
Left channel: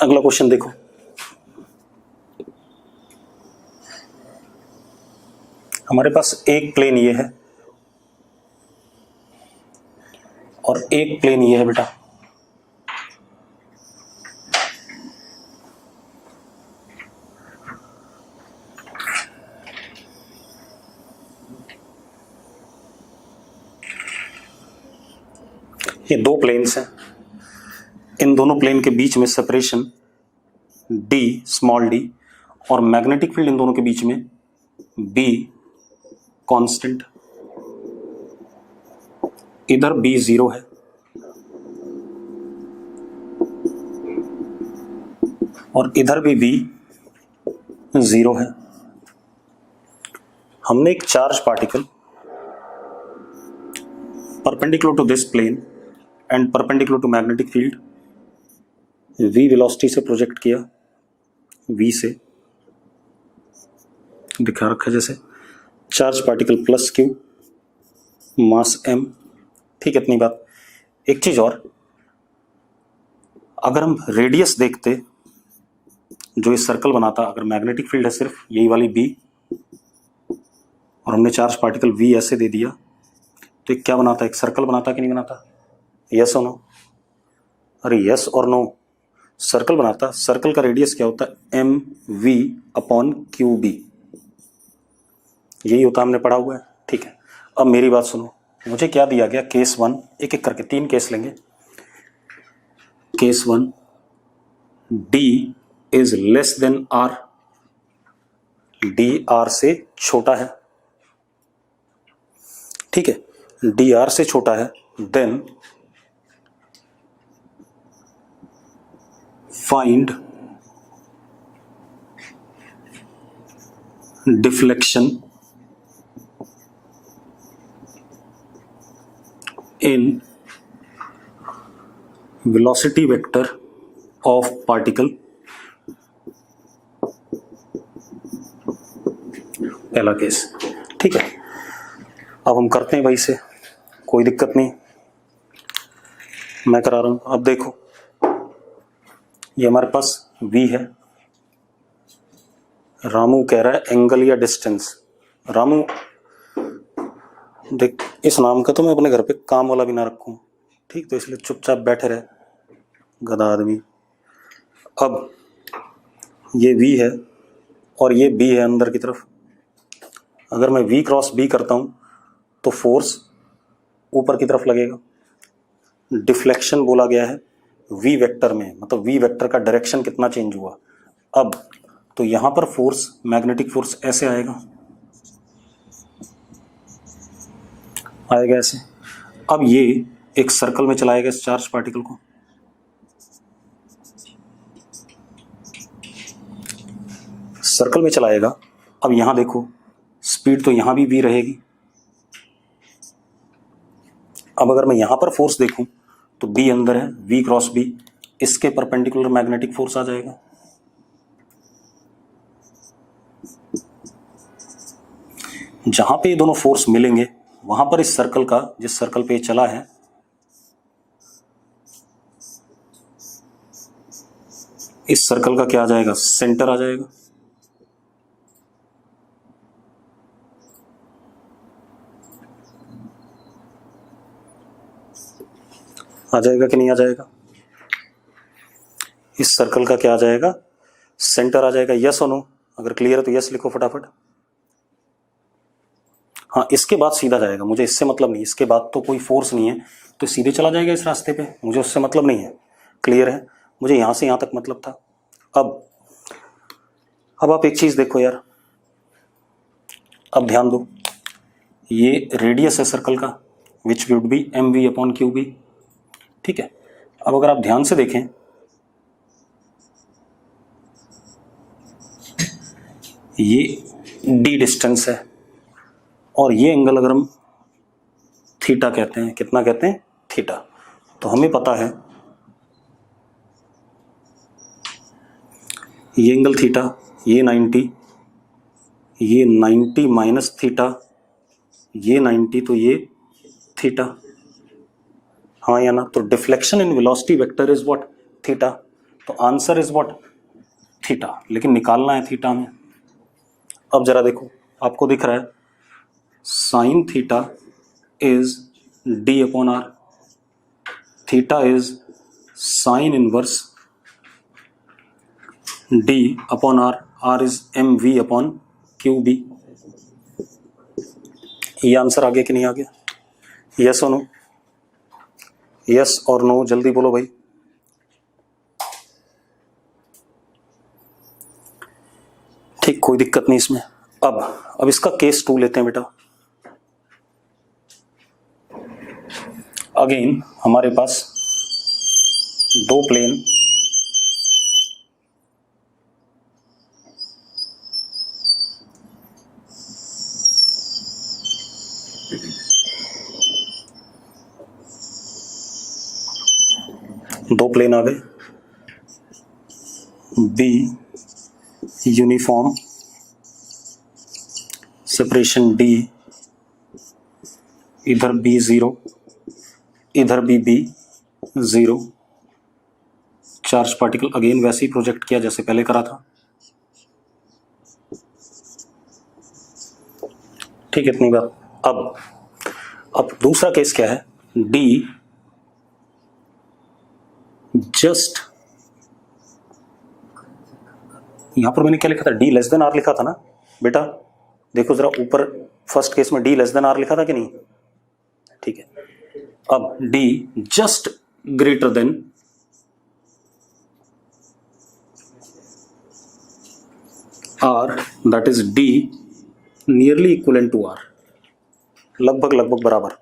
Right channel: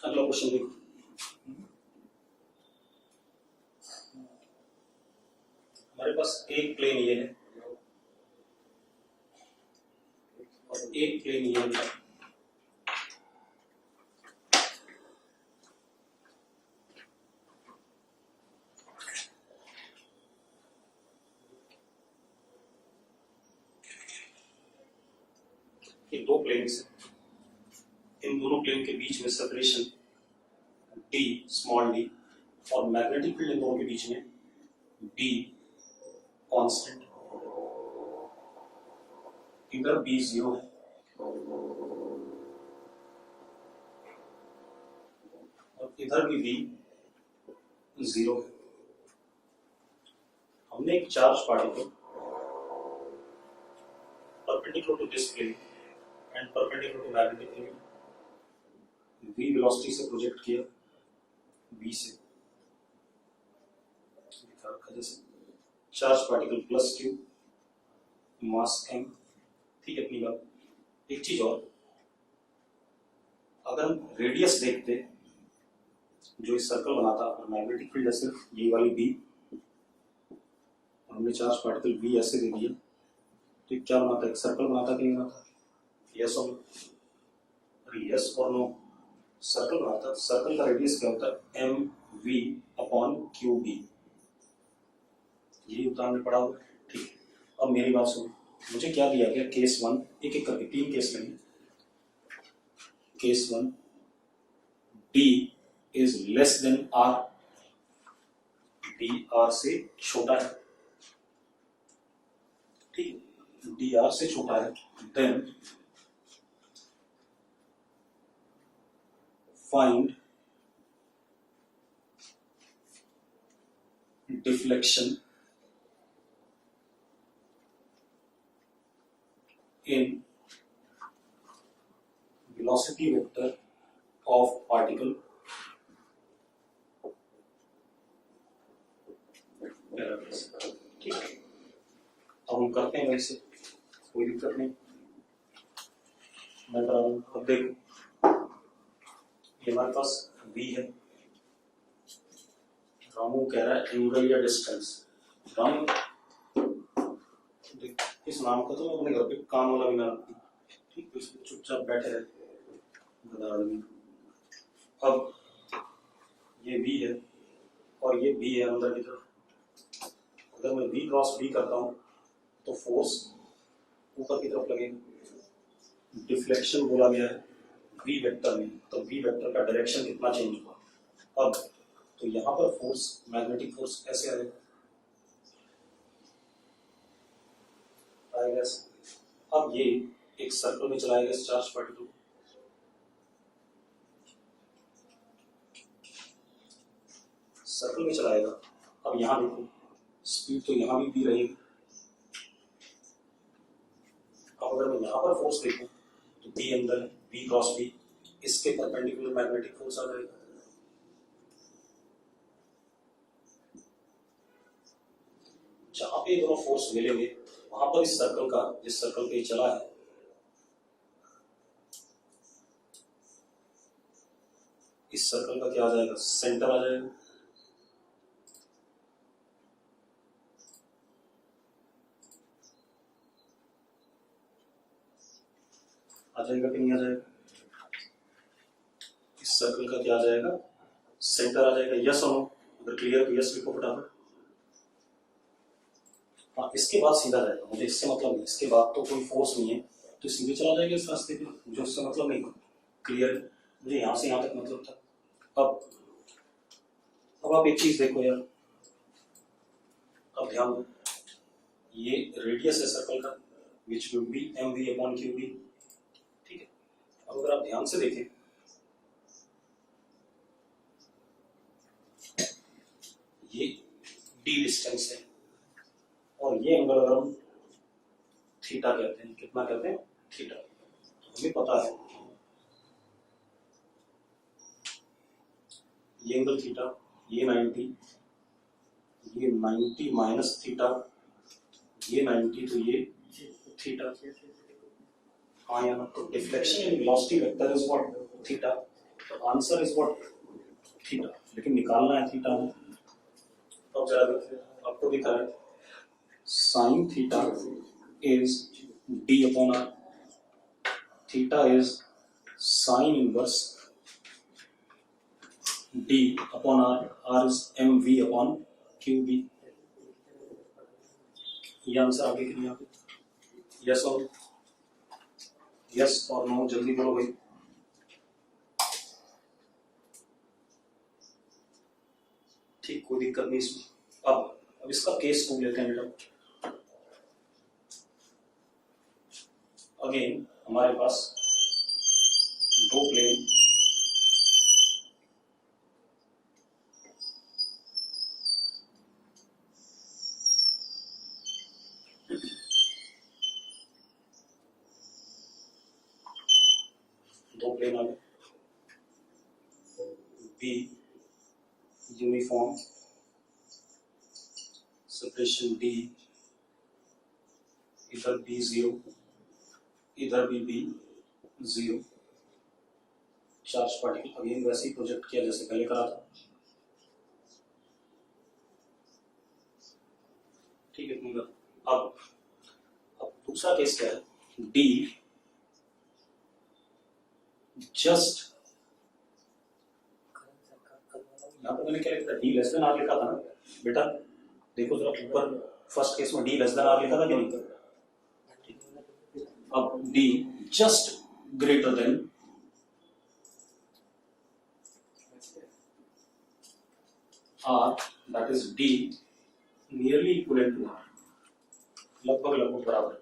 अगला क्वेश्चन देखो, हमारे पास एक प्लेन ये है और एक प्लेन ये है बेटा। ये दो प्लेन्स हैं, इन दोनों प्लेन के बीच में सेपरेशन d स्मॉल d और मैग्नेटिक फील्ड इन दोनों के बीच में b कांस्टेंट। इधर b 0 है और इधर भी b 0 है। हमने एक charge particle perpendicular to this plane and perpendicular to magnetic field v velocity से प्रोजेक्ट किया, v से दिखा रखा है जैसे charge particle plus q mass m। ठीक है, इतनी बात। एक चीज और, अगर हम रेडियस देखते जो इस सर्कल बनाता, अगर मैग्नेटिक फील्ड है सिर्फ यही वाली b और हमने चार्ज पार्टिकल v ऐसे दे दिया तो क्या बनाता, एक सर्कल बनाता कि नहीं बनाता? यस और नो? अरे यस और नो, सर्कल बनाता। सर्कल का रेडियस क्या होता है? M V upon Q B, यही होता, हमने पढ़ा हुआ है। ठीक है, अब मेरी बात सुनो, मुझे क्या दिया गया? केस 1, एक एक करके 3 केस लेंगे। Case 1, d is less than r, d r से छोटा है। ठीक है, d r से छोटा है, then find deflection in velocity vector of particle. पहला केस। ठीक है, अब हम करते हैं भाई से, कोई दिक्कत नहीं, मैं करा रहा हूं। अब देखो, ये हमारे पास v है, रामू कह रहा है एंगल या डिस्टेंस। रामू देख, इस नाम का तो मैं अपने घर पे काम वाला भी ना रखूं, ठीक, तो इसलिए चुपचाप बैठे रहे, गधा आदमी। अब ये v है और ये b है अंदर की तरफ। अगर मैं v क्रॉस b करता हूं तो फोर्स ऊपर की तरफ लगेगा। डिफ्लेक्शन बोला गया है v वेक्टर में, मतलब v वेक्टर का डायरेक्शन कितना चेंज हुआ। अब तो यहां पर फोर्स, मैग्नेटिक फोर्स ऐसे आएगा, ऐसे। अब ये एक सर्कल में चलाएगा इस चार्ज पार्टिकल को, सर्कल में चलाएगा। अब यहां देखो, स्पीड तो यहां भी v रहेगी। अब अगर मैं यहां पर फोर्स देखूं तो b अंदर है, v क्रॉस b, इसके परपेंडिकुलर मैग्नेटिक फोर्स आ जाएगा। जहां पे ये दोनों फोर्स मिलेंगे वहां पर इस सर्कल का, जिस सर्कल पे ये चला है, इस सर्कल का क्या आ जाएगा? सेंटर आ जाएगा। आ जाएगा कि नहीं आ जाएगा? इस सर्कल का क्या आ जाएगा? सेंटर आ जाएगा। यस और नो? अगर क्लियर है तो यस लिखो फटाफट। हाँ, इसके बाद सीधा जाएगा, मुझे इससे मतलब नहीं, इसके बाद तो कोई फोर्स नहीं है तो सीधे चला जाएगा इस रास्ते पे, मुझे उससे मतलब नहीं है। क्लियर है? मुझे यहां से यहां तक मतलब था। अब आप एक चीज देखो यार, अब ध्यान दो, ये रेडियस है सर्कल का, which would be M V upon Q B. ठीक है, अब अगर आप ध्यान से देखें, ये d डिस्टेंस है और ये एंगल अगर हम थीटा कहते हैं, कितना कहते हैं? थीटा। तो हमें पता है ये एंगल थीटा, ये 90, ये 90 माइनस थीटा, ये 90, तो ये थीटा। हाँ या ना? तो deflection in velocity vector is what? Theta. तो आंसर इज व्हाट? थीटा। लेकिन निकालना है थीटा में। अब जरा देखो, आपको दिख रहा है sine theta is d upon R, theta is sine inverse d upon R, R is M V upon Q B. ये आंसर आ गया कि नहीं आ गया? यस और नो? यस और नो, जल्दी बोलो भाई। ठीक, कोई दिक्कत नहीं इसमें। अब इसका केस 2 लेते हैं बेटा। अगेन हमारे पास दो प्लेन, आ गए। बी यूनिफॉर्म, सेपरेशन डी, इधर बी 0, इधर भी बी 0। चार्ज पार्टिकल अगेन वैसे ही प्रोजेक्ट किया जैसे पहले करा था। ठीक है, इतनी बात। अब दूसरा केस क्या है, डी जस्ट, यहां पर मैंने क्या लिखा था, डी लेस देन आर लिखा था ना बेटा। देखो जरा ऊपर, फर्स्ट केस में डी लेस देन आर लिखा था कि नहीं? ठीक है, अब D just greater than R, that is D nearly equivalent to R, लगभग बराबर।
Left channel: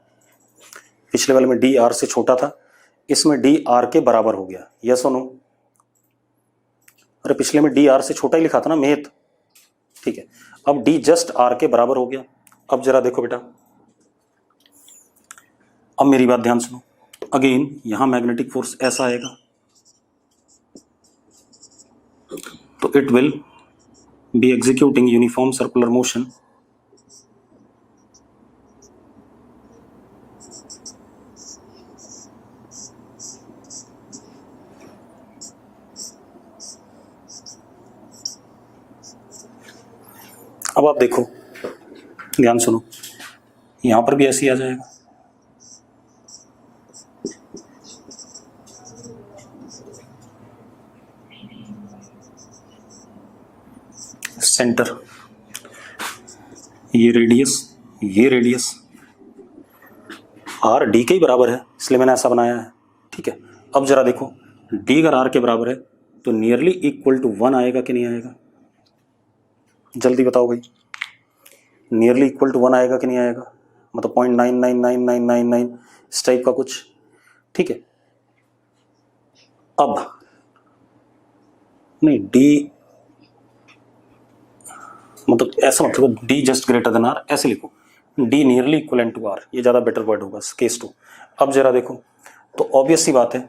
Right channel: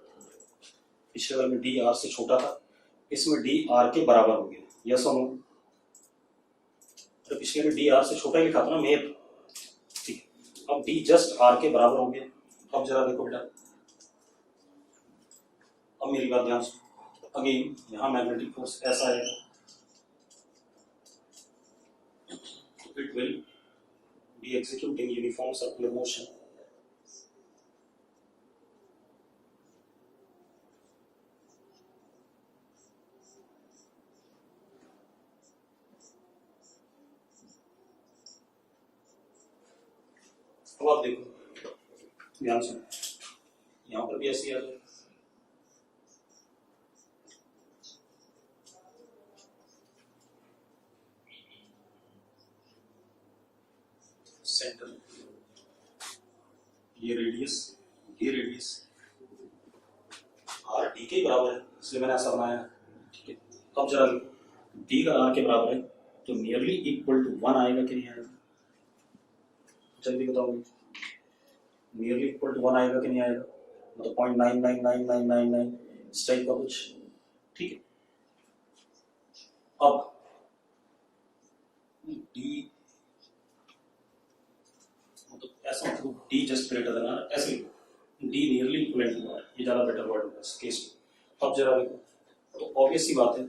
पिछले वाले में डी आर से छोटा था, इसमें डी आर के बराबर हो गया। यस और नो? अरे पिछले में डी आर से छोटा ही लिखा था ना मेथ। ठीक है, अब डी जस्ट आर के बराबर हो गया। अब जरा देखो बेटा, अब मेरी बात ध्यान सुनो। अगेन यहां मैग्नेटिक फोर्स ऐसा आएगा, तो it will be executing uniform circular motion अब आप देखो, ध्यान सुनो, यहां पर भी ऐसे ही आ जाएगा। सेंटर, ये रेडियस आर डी के ही बराबर है, इसलिए मैंने ऐसा बनाया है। ठीक है, अब जरा देखो, डी अगर आर के बराबर है तो नियरली इक्वल टू 1 आएगा कि नहीं आएगा? जल्दी बताओ भाई, नियरली इक्वल टू 1 आएगा कि नहीं आएगा? मतलब 0.999999 इस टाइप का कुछ। ठीक है, अब नहीं, डी मतलब ऐसा मत लिखो D just greater than R, ऐसे लिखो D nearly equivalent to R, ये ज्यादा बेटर वर्ड होगा केस 2। अब जरा देखो, तो ऑब्वियस सी बात है,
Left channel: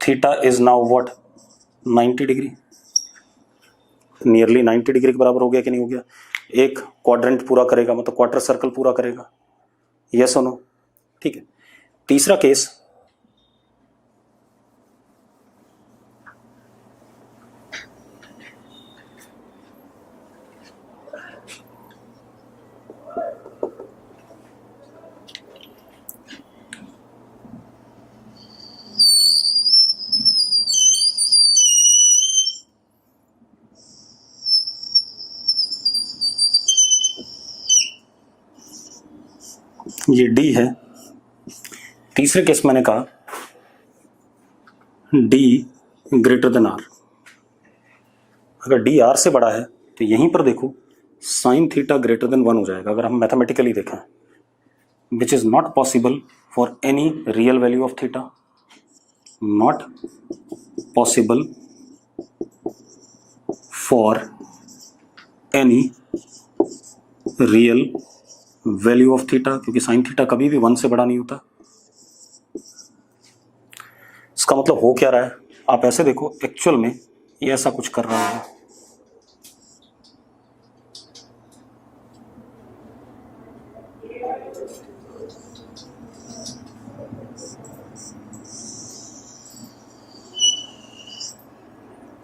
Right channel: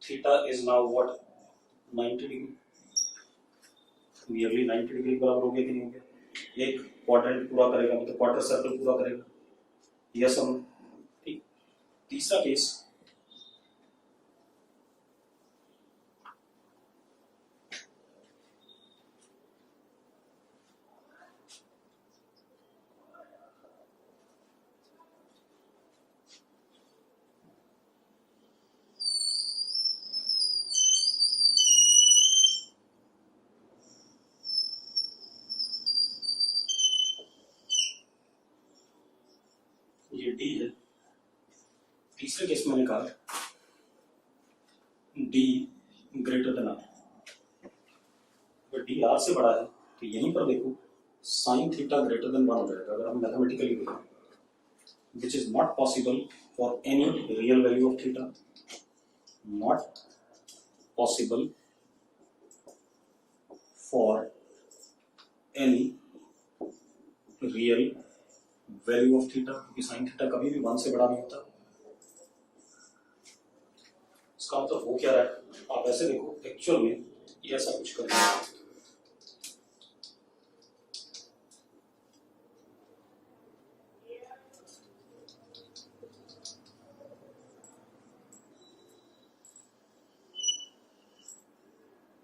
theta is now what, 90 degree, nearly 90 degree के बराबर हो गया कि नहीं हो गया? एक क्वाड्रेंट पूरा करेगा, मतलब क्वार्टर सर्कल पूरा करेगा। यस और नो? ठीक है, तीसरा केस, ये डी है। तीसरे केस मैंने कहा डी ग्रेटर देन आर, अगर डी आर से बड़ा है तो यहीं पर देखो साइन थीटा ग्रेटर देन 1 हो जाएगा, अगर हम मैथमेटिकली देखें, which is not possible for any real value of theta, not possible for any real value of theta, क्योंकि साइन थीटा कभी भी 1 से बड़ा नहीं होता। इसका मतलब हो क्या रहा है, आप ऐसे देखो, एक्चुअल में ये ऐसा कुछ कर रहा है।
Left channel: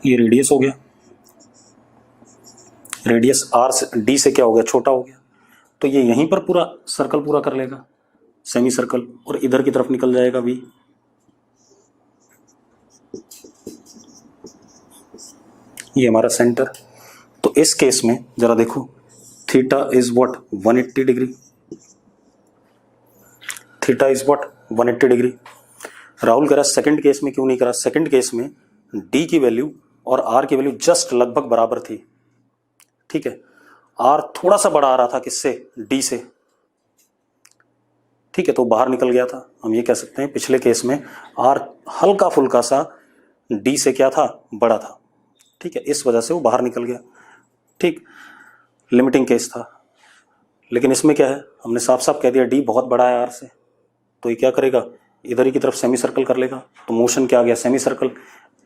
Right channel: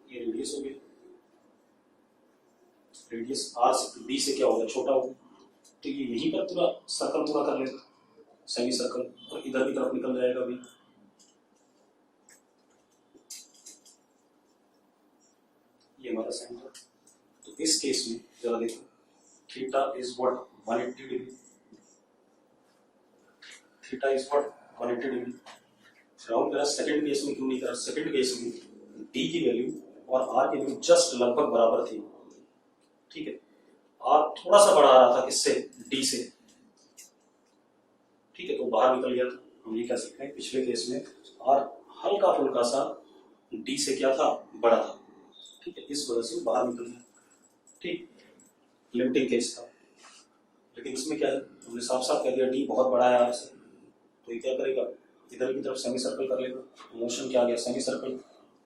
ये रेडियस हो गया, रेडियस आर से डी से क्या हो गया, छोटा हो गया, तो ये यहीं पर पूरा सर्कल पूरा कर लेगा, सेमी सर्कल, और इधर की तरफ निकल जाएगा वी। ये हमारा सेंटर। तो इस केस में जरा देखो, theta is what, 180 degree. Theta is what 180 degree. Rahul कह रहा है सेकंड केस में क्यों नहीं करा? सेकंड केस में डी की वैल्यू और आर की वैल्यू जस्ट लगभग बराबर थी, ठीक है। आर थोड़ा सा बड़ा आ रहा था किससे? डी से, ठीक है, तो बाहर निकल गया था। हम ये कह सकते हैं पिछले केस में आर हल्का फुल्का सा डी से क्या था? बड़ा था, ठीक है, इस वजह से वो बाहर निकल गया, ठीक, लिमिटिंग केस था। लेकिन इसमें क्या है, हमने साफ साफ कह दिया डी बहुत बड़ा है आर से, तो ये क्या करेगा? इधर ही की तरफ सेमी सर्कल कर लेगा। तो मोशन क्या आ गया? Semi circle.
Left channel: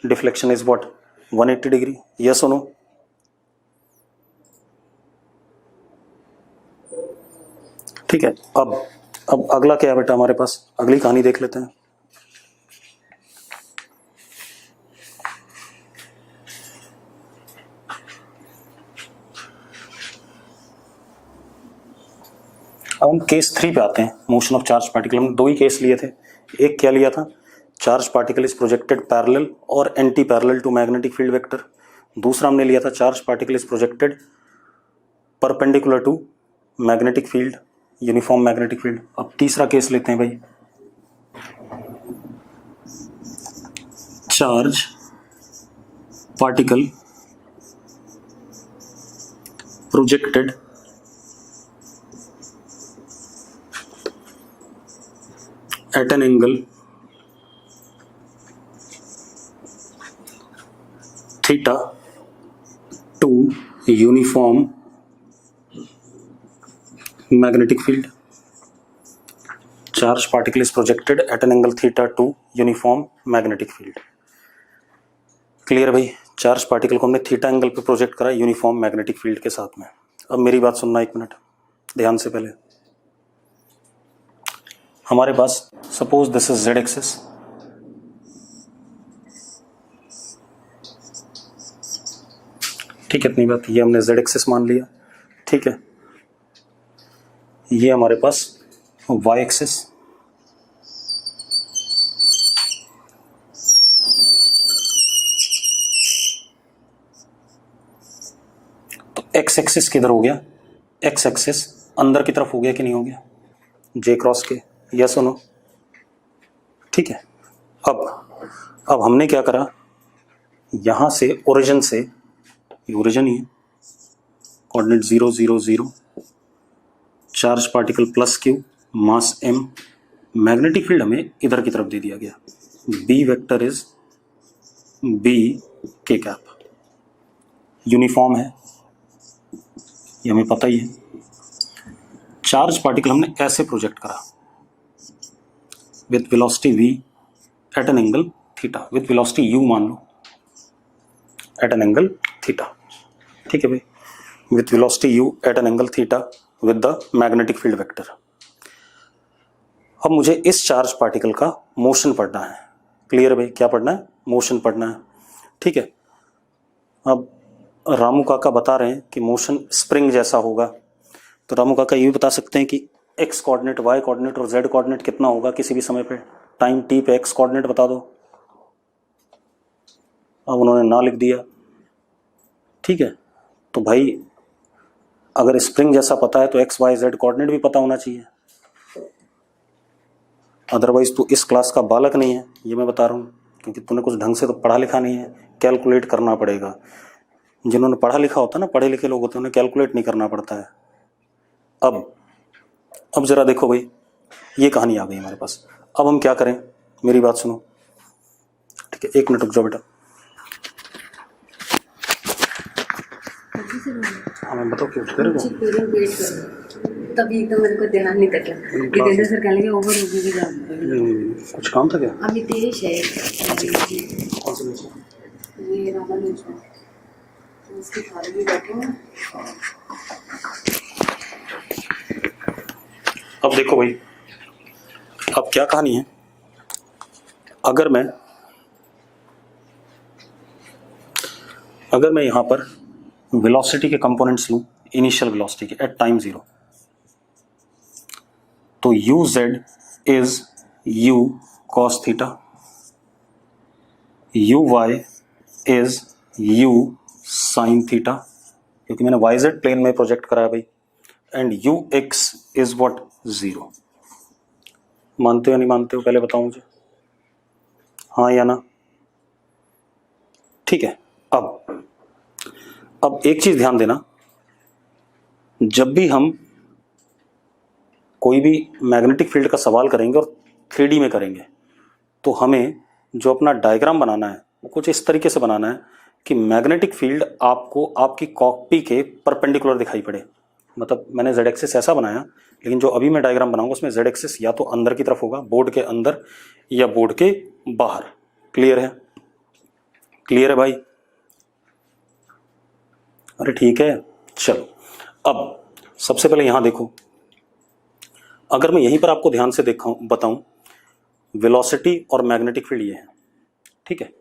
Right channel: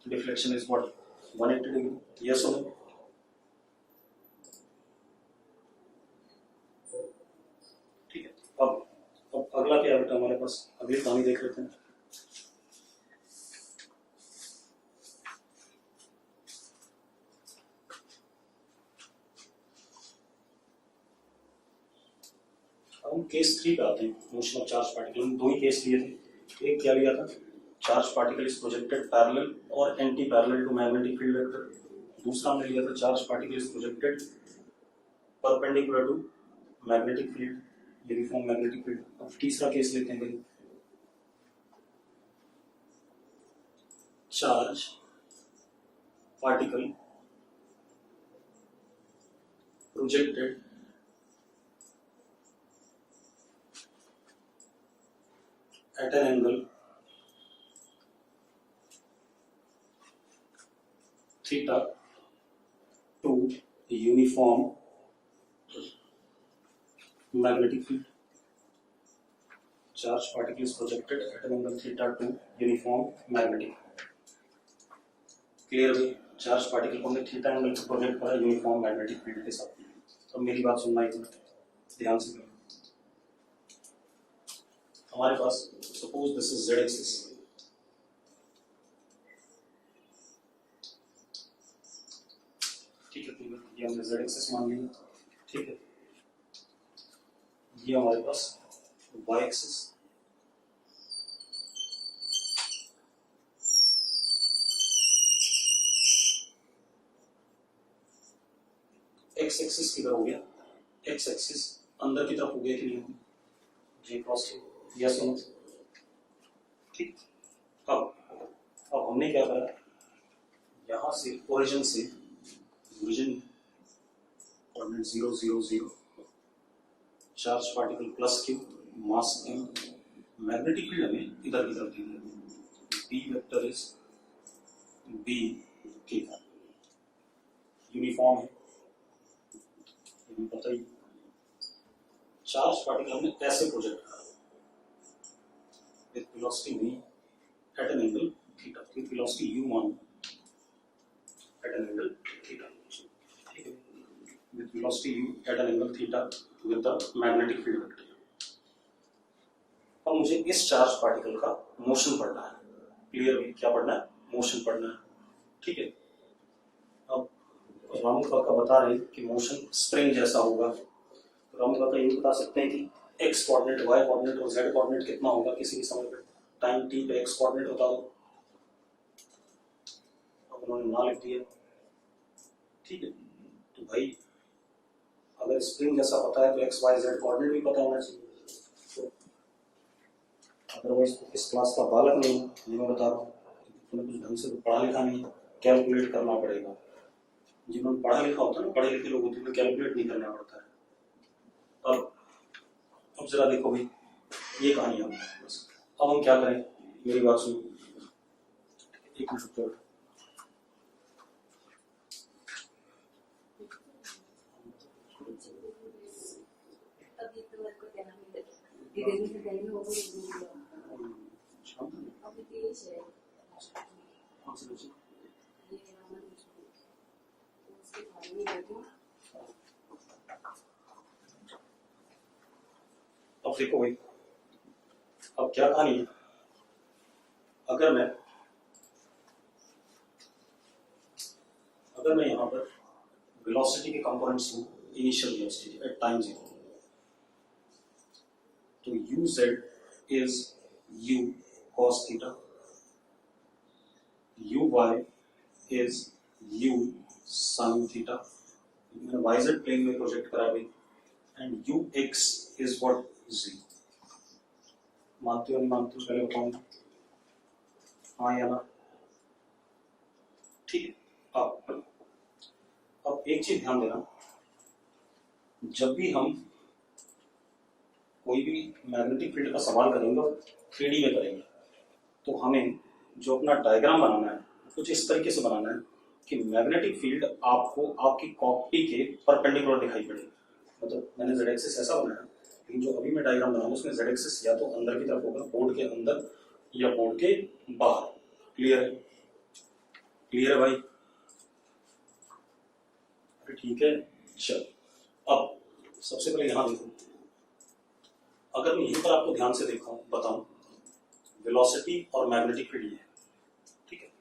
Deflection is what 180 degree. Yes और नो? ठीक है। अब अगला क्या है बेटा हमारे पास? अगली कहानी देख लेते हैं। अब हम केस 3 पे आते हैं, मोशन ऑफ चार्ज पार्टिकल। हमने दो ही केस लिए थे। एक क्या लिया था? Charge particle is projected parallel और anti parallel to magnetic field vector. दूसरा हमने लिया था charge particle is projected perpendicular to magnetic field, uniform magnetic field. अब तीसरा केस लेते हैं भाई, charge particle projected at an angle theta to uniform magnetic field. Charge particle is projected at an angle theta to uniform magnetic field. Clear भाई? चार्ज पार्टिकल को हमने थीटा एंगल पे प्रोजेक्ट करा यूनिफॉर्म मैग्नेटिक फील्ड के साथ में। अब मेरी बात सुनना एक मिनट ध्यान से। पहले हमारे पास suppose this is Z axis, ठीक है, इतनी बात। ये हमने जेड एक्सिस मान लिया, ठीक है। ये हमारे पास वाई एक्सिस, तो एक्स एक्सिस किधर हो गया? एक्स एक्सिस अंदर की तरफ हो गया कि नहीं हो गया? जे क्रॉस के। यस और नो? ठीक है। अब हमने क्या करा, यहां से ओरिजिन से, ओरिजिन ही coordinate 0 0 0, charge particle plus Q, mass m, magnetic field हमें इधर की तरफ दे दिया गया। बी वेक्टर इज बी के कैप, यूनिफॉर्म है, ये हमें पता ही है। चार्ज पार्टिकल हमने ऐसे प्रोजेक्ट करा with velocity v at an angle theta, with velocity u मान लो एट एन एंगल थीटा, ठीक है भाई, with velocity u at an angle theta with the magnetic field vector. अब मुझे इस चार्ज पार्टिकल का मोशन पढ़ना है। क्लियर भाई? क्या पढ़ना है? मोशन पढ़ना है, ठीक है। अब रामू काका बता रहे हैं कि मोशन स्प्रिंग जैसा होगा, तो रामू काका ये भी बता सकते हैं कि एक्स कोऑर्डिनेट, वाई कोऑर्डिनेट और जेड कोऑर्डिनेट कितना होगा किसी भी समय पे, टाइम टी पे एक्स कोऑर्डिनेट बता दो। अब उन्होंने ना लिख दिया, ठीक है। तो भाई अगर स्प्रिंग जैसा पता है तो एक्स वाई जेड कोऑर्डिनेट भी पता होना चाहिए, अदरवाइज तू इस क्लास का बालक नहीं है, ये मैं बता रहा हूँ, क्योंकि तूने कुछ ढंग से तो पढ़ा लिखा नहीं है, कैलकुलेट करना पड़ेगा। जिन्होंने पढ़ा लिखा होता है ना, पढ़े लिखे लोग होते हैं, उन्हें कैलकुलेट नहीं करना पड़ता है। अब जरा देखो भाई, ये कहानी आ गई हमारे पास। अब हम क्या करें, मेरी बात सुनो, ठीक है, एक मिनट रुक जाओ बेटा। हमें बताओ क्यों कर रहे हो? तभी एकदम मेरे को ध्यान नहीं तक जितेंद्र सर कहने के ओवर हो गई। कुछ काम था क्या? अमितेश है कौन सा नीचे? ये रामानुज है, उसके सारे भी बैठे हैं। अब देखो भाई, अब क्या कहानी है, अगर मैं यहां पर वेलोसिटी के कंपोनेंट्स लूं, इनिशियल वेलोसिटी के एट टाइम 0, तो U Z is U cos theta, U Y is U sine theta, क्योंकि मैंने वाई जेड प्लेन में प्रोजेक्ट कराया भाई, and U X is what 0। मानते हो नहीं मानते हो पहले बताओ मुझे, हाँ या ना? ठीक है। अब एक चीज ध्यान देना, जब भी हम कोई भी मैग्नेटिक फील्ड का सवाल करेंगे और 3D में करेंगे, तो हमें जो अपना डायग्राम बनाना है वो कुछ इस तरीके से बनाना है कि मैग्नेटिक फील्ड आपको आपकी कॉपी के परपेंडिकुलर दिखाई पड़े। मतलब मैंने जेड एक्सिस ऐसा बनाया, लेकिन जो अभी मैं डायग्राम बनाऊंगा उसमें जेड एक्सिस या तो अंदर की तरफ होगा, बोर्ड के अंदर या बोर्ड के बाहर। क्लियर है? क्लियर है भाई? अरे ठीक है, चलो। अब सबसे पहले यहां देखो, अगर मैं यहीं पर आपको ध्यान से बताऊं, वेलोसिटी और मैग्नेटिक फील्ड ये है, ठीक है।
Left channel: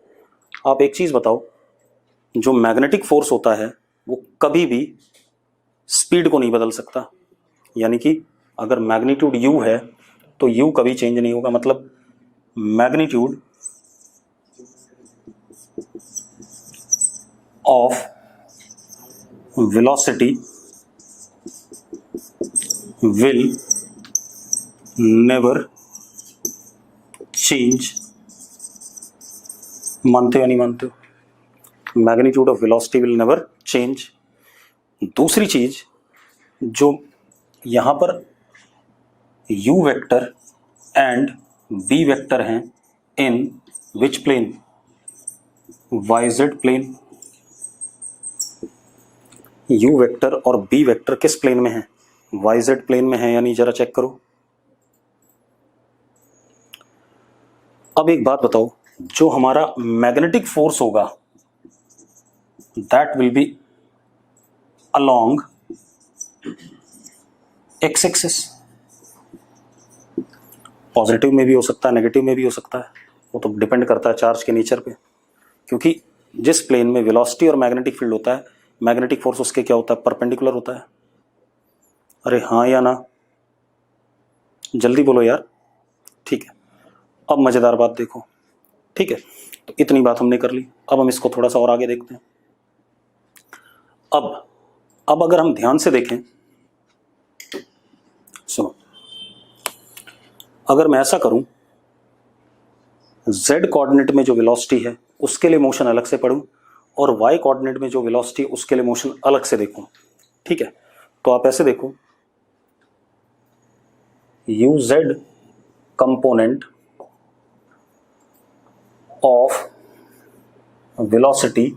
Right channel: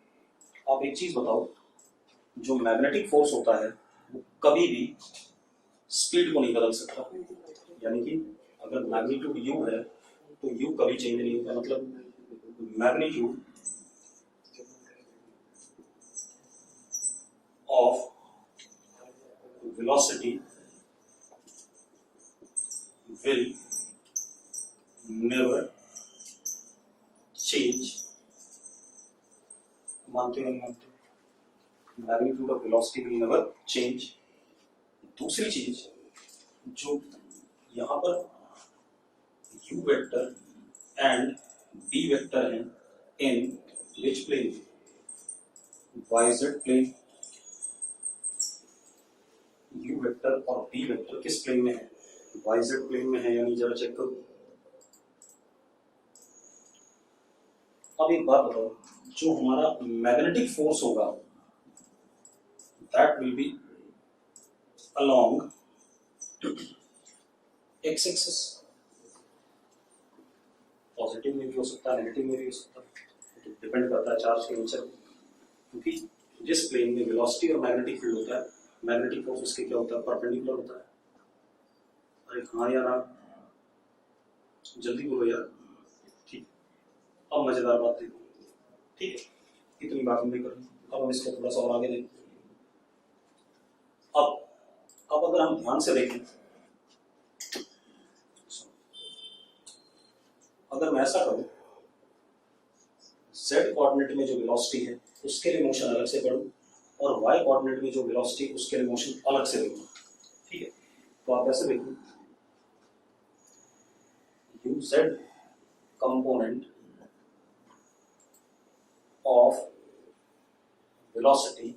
आप एक चीज बताओ, जो मैग्नेटिक फोर्स होता है वो कभी भी स्पीड को नहीं बदल सकता, यानी कि अगर मैग्नीट्यूड u है तो u कभी चेंज नहीं होगा। मतलब magnitude of velocity will never change. मानते हो नहीं मानते हो? Magnitude of velocity will never change. दूसरी चीज, जो यहां पर u vector and b vector हैं in which plane? yz plane. u vector और b वेक्टर किस प्लेन में है? yz प्लेन में है या नहीं, जरा चेक करो। अब एक बात बताओ, जो हमारा मैग्नेटिक फोर्स होगा that will be along x axis. Positive में भी हो सकता है, नेगेटिव में भी हो सकता है, वो तो डिपेंड करता है चार्ज के नेचर पे। क्योंकि जिस प्लेन में वेलोसिटी और मैग्नेटिक फील्ड होता है, मैग्नेटिक फोर्स उसके क्या होता है? परपेंडिकुलर होता है। अरे हाँ या ना? जल्दी बोलो यार। ठीक है, अब मजेदार बात देखो, ठीक है। तो इतनी बात हमने कर ली, अब हम इसको थोड़ा सा और आगे देखते हैं। अब अगर हम ध्यान से देखें, सुनो, अगर मैं ऐसा करूं, z कोऑर्डिनेट में जो वेलोसिटी है उसके लिए मोशन अलग से पढ़ूं और y कोऑर्डिनेट में जो वेलोसिटी उसके लिए मोशन अलग से देखूं, ठीक है। तो आप ऐसे देखो, uz component of velocity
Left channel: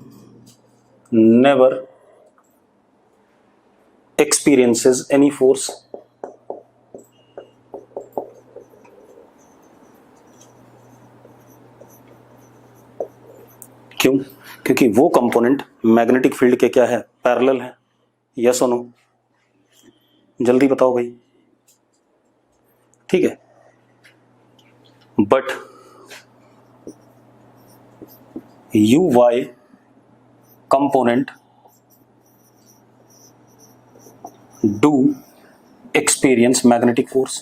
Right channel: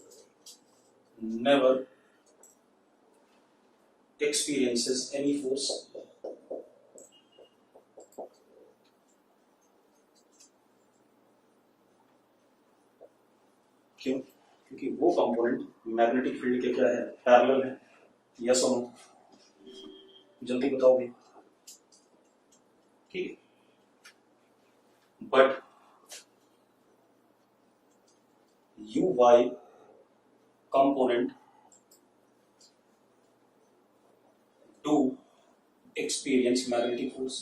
never experiences any force। क्यों? क्योंकि वो कंपोनेंट मैग्नेटिक फील्ड के क्या है? पैरेलल है। यस और नो? जल्दी बताओ भाई। ठीक है, but U Y component do experience magnetic force।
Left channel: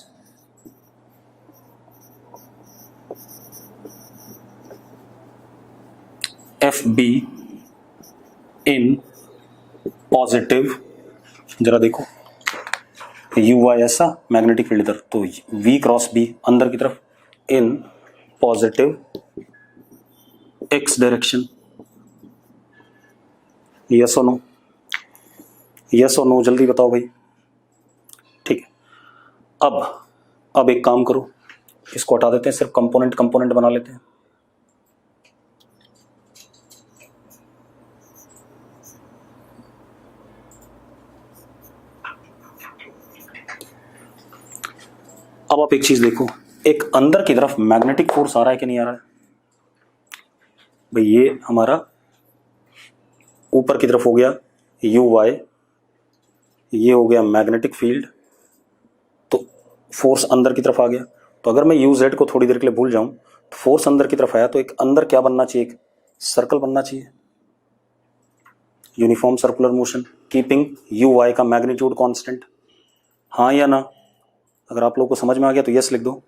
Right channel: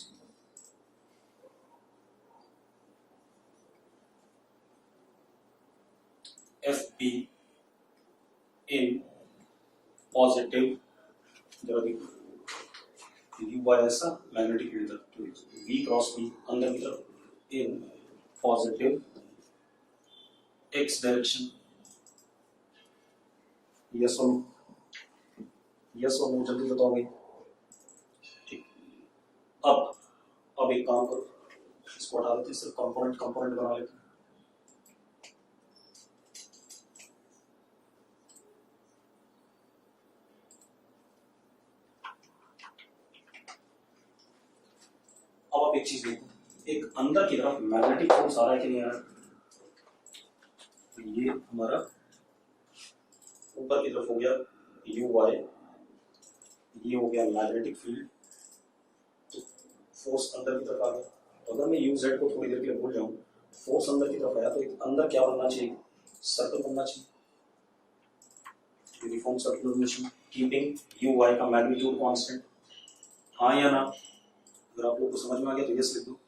FB in positive, जरा देखो, यू वाई ऐसा, मैग्नेटिक फील्ड इधर, तो V क्रॉस B अंदर की तरफ in positive X direction. Yes और नो? यस और नो? जल्दी बताओ भाई। ठीक है, अब एक काम करो, इसको हटा देते हैं, सिर्फ कंपोनेंट कंपोनेंट बना लेते हैं। अब आप एक चीज देखो, एक अंदर की तरफ मैग्नेटिक फोर्स आ रहा है कि नहीं आ रहा है भाई? ये हमारा ऊपर की तरफ हो गया यू वाई, ये हो गया मैग्नेटिक फील्ड, तो फोर्स अंदर की तरफ आ गया। तो अगर मैं यू जेड को थोड़ी देर के लिए भूल जाऊं, तो फोर्स अंदर की तरफ आया, तो एक अंदर क्या बनना चाहिए? एक सर्कल बनना चाहिए, uniform circular motion, keeping U Y का मैग्नीट्यूड कांस्टेंट। हाँ या ना? अगर आप लोगों को समझ में आ गया तो यस लिख दो।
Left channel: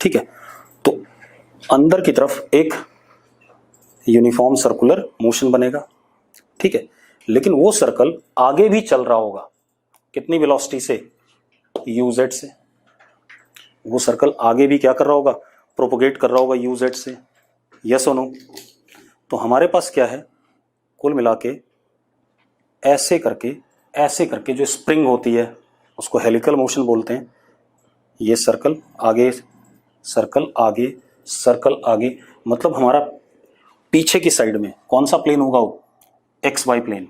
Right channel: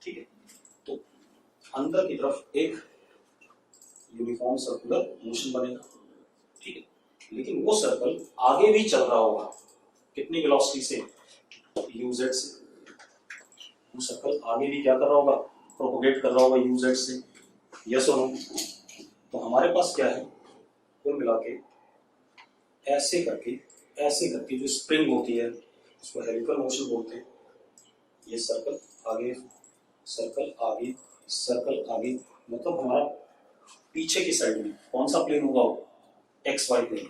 ठीक है, तो अंदर की तरफ एक यूनिफॉर्म सर्कुलर मोशन बनेगा, ठीक है, लेकिन वो सर्कल आगे भी चल रहा होगा। कितनी वेलोसिटी से? यू जेड से, वो सर्कल आगे भी क्या कर रहा होगा, प्रोपोगेट कर रहा होगा यू जेड से, यस और नो। तो हमारे पास क्या है, कुल मिला के ऐसे करके जो स्प्रिंग होती है उसको हेलिकल मोशन बोलते हैं। ये सर्कल आगे, सर्कल आगे, सर्कल आगे, मतलब हमारा पीछे की साइड में कौन सा प्लेन होगा, वो एक्स वाई प्लेन,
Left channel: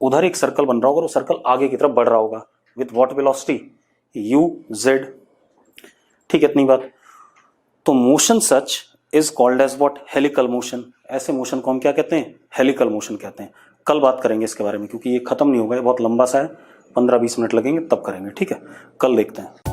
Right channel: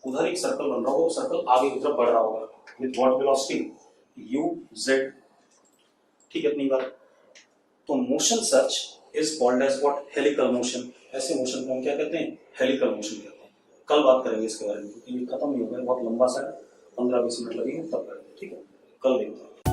उधर एक सर्कल बन रहा होगा और वो सर्कल आगे की तरफ बढ़ रहा होगा with what velocity, U Z. ठीक है, इतनी बात। तो motion such is called as what, helical motion. ऐसे मोशन को हम क्या कहते हैं, हेलिकल मोशन कहते हैं। कल बात करेंगे इसके बारे में, क्योंकि ये खत्म नहीं होगा, ये बहुत लंबा सा है, 15-20 मिनट लगेंगे तब करेंगे। ठीक है, कल देखते हैं।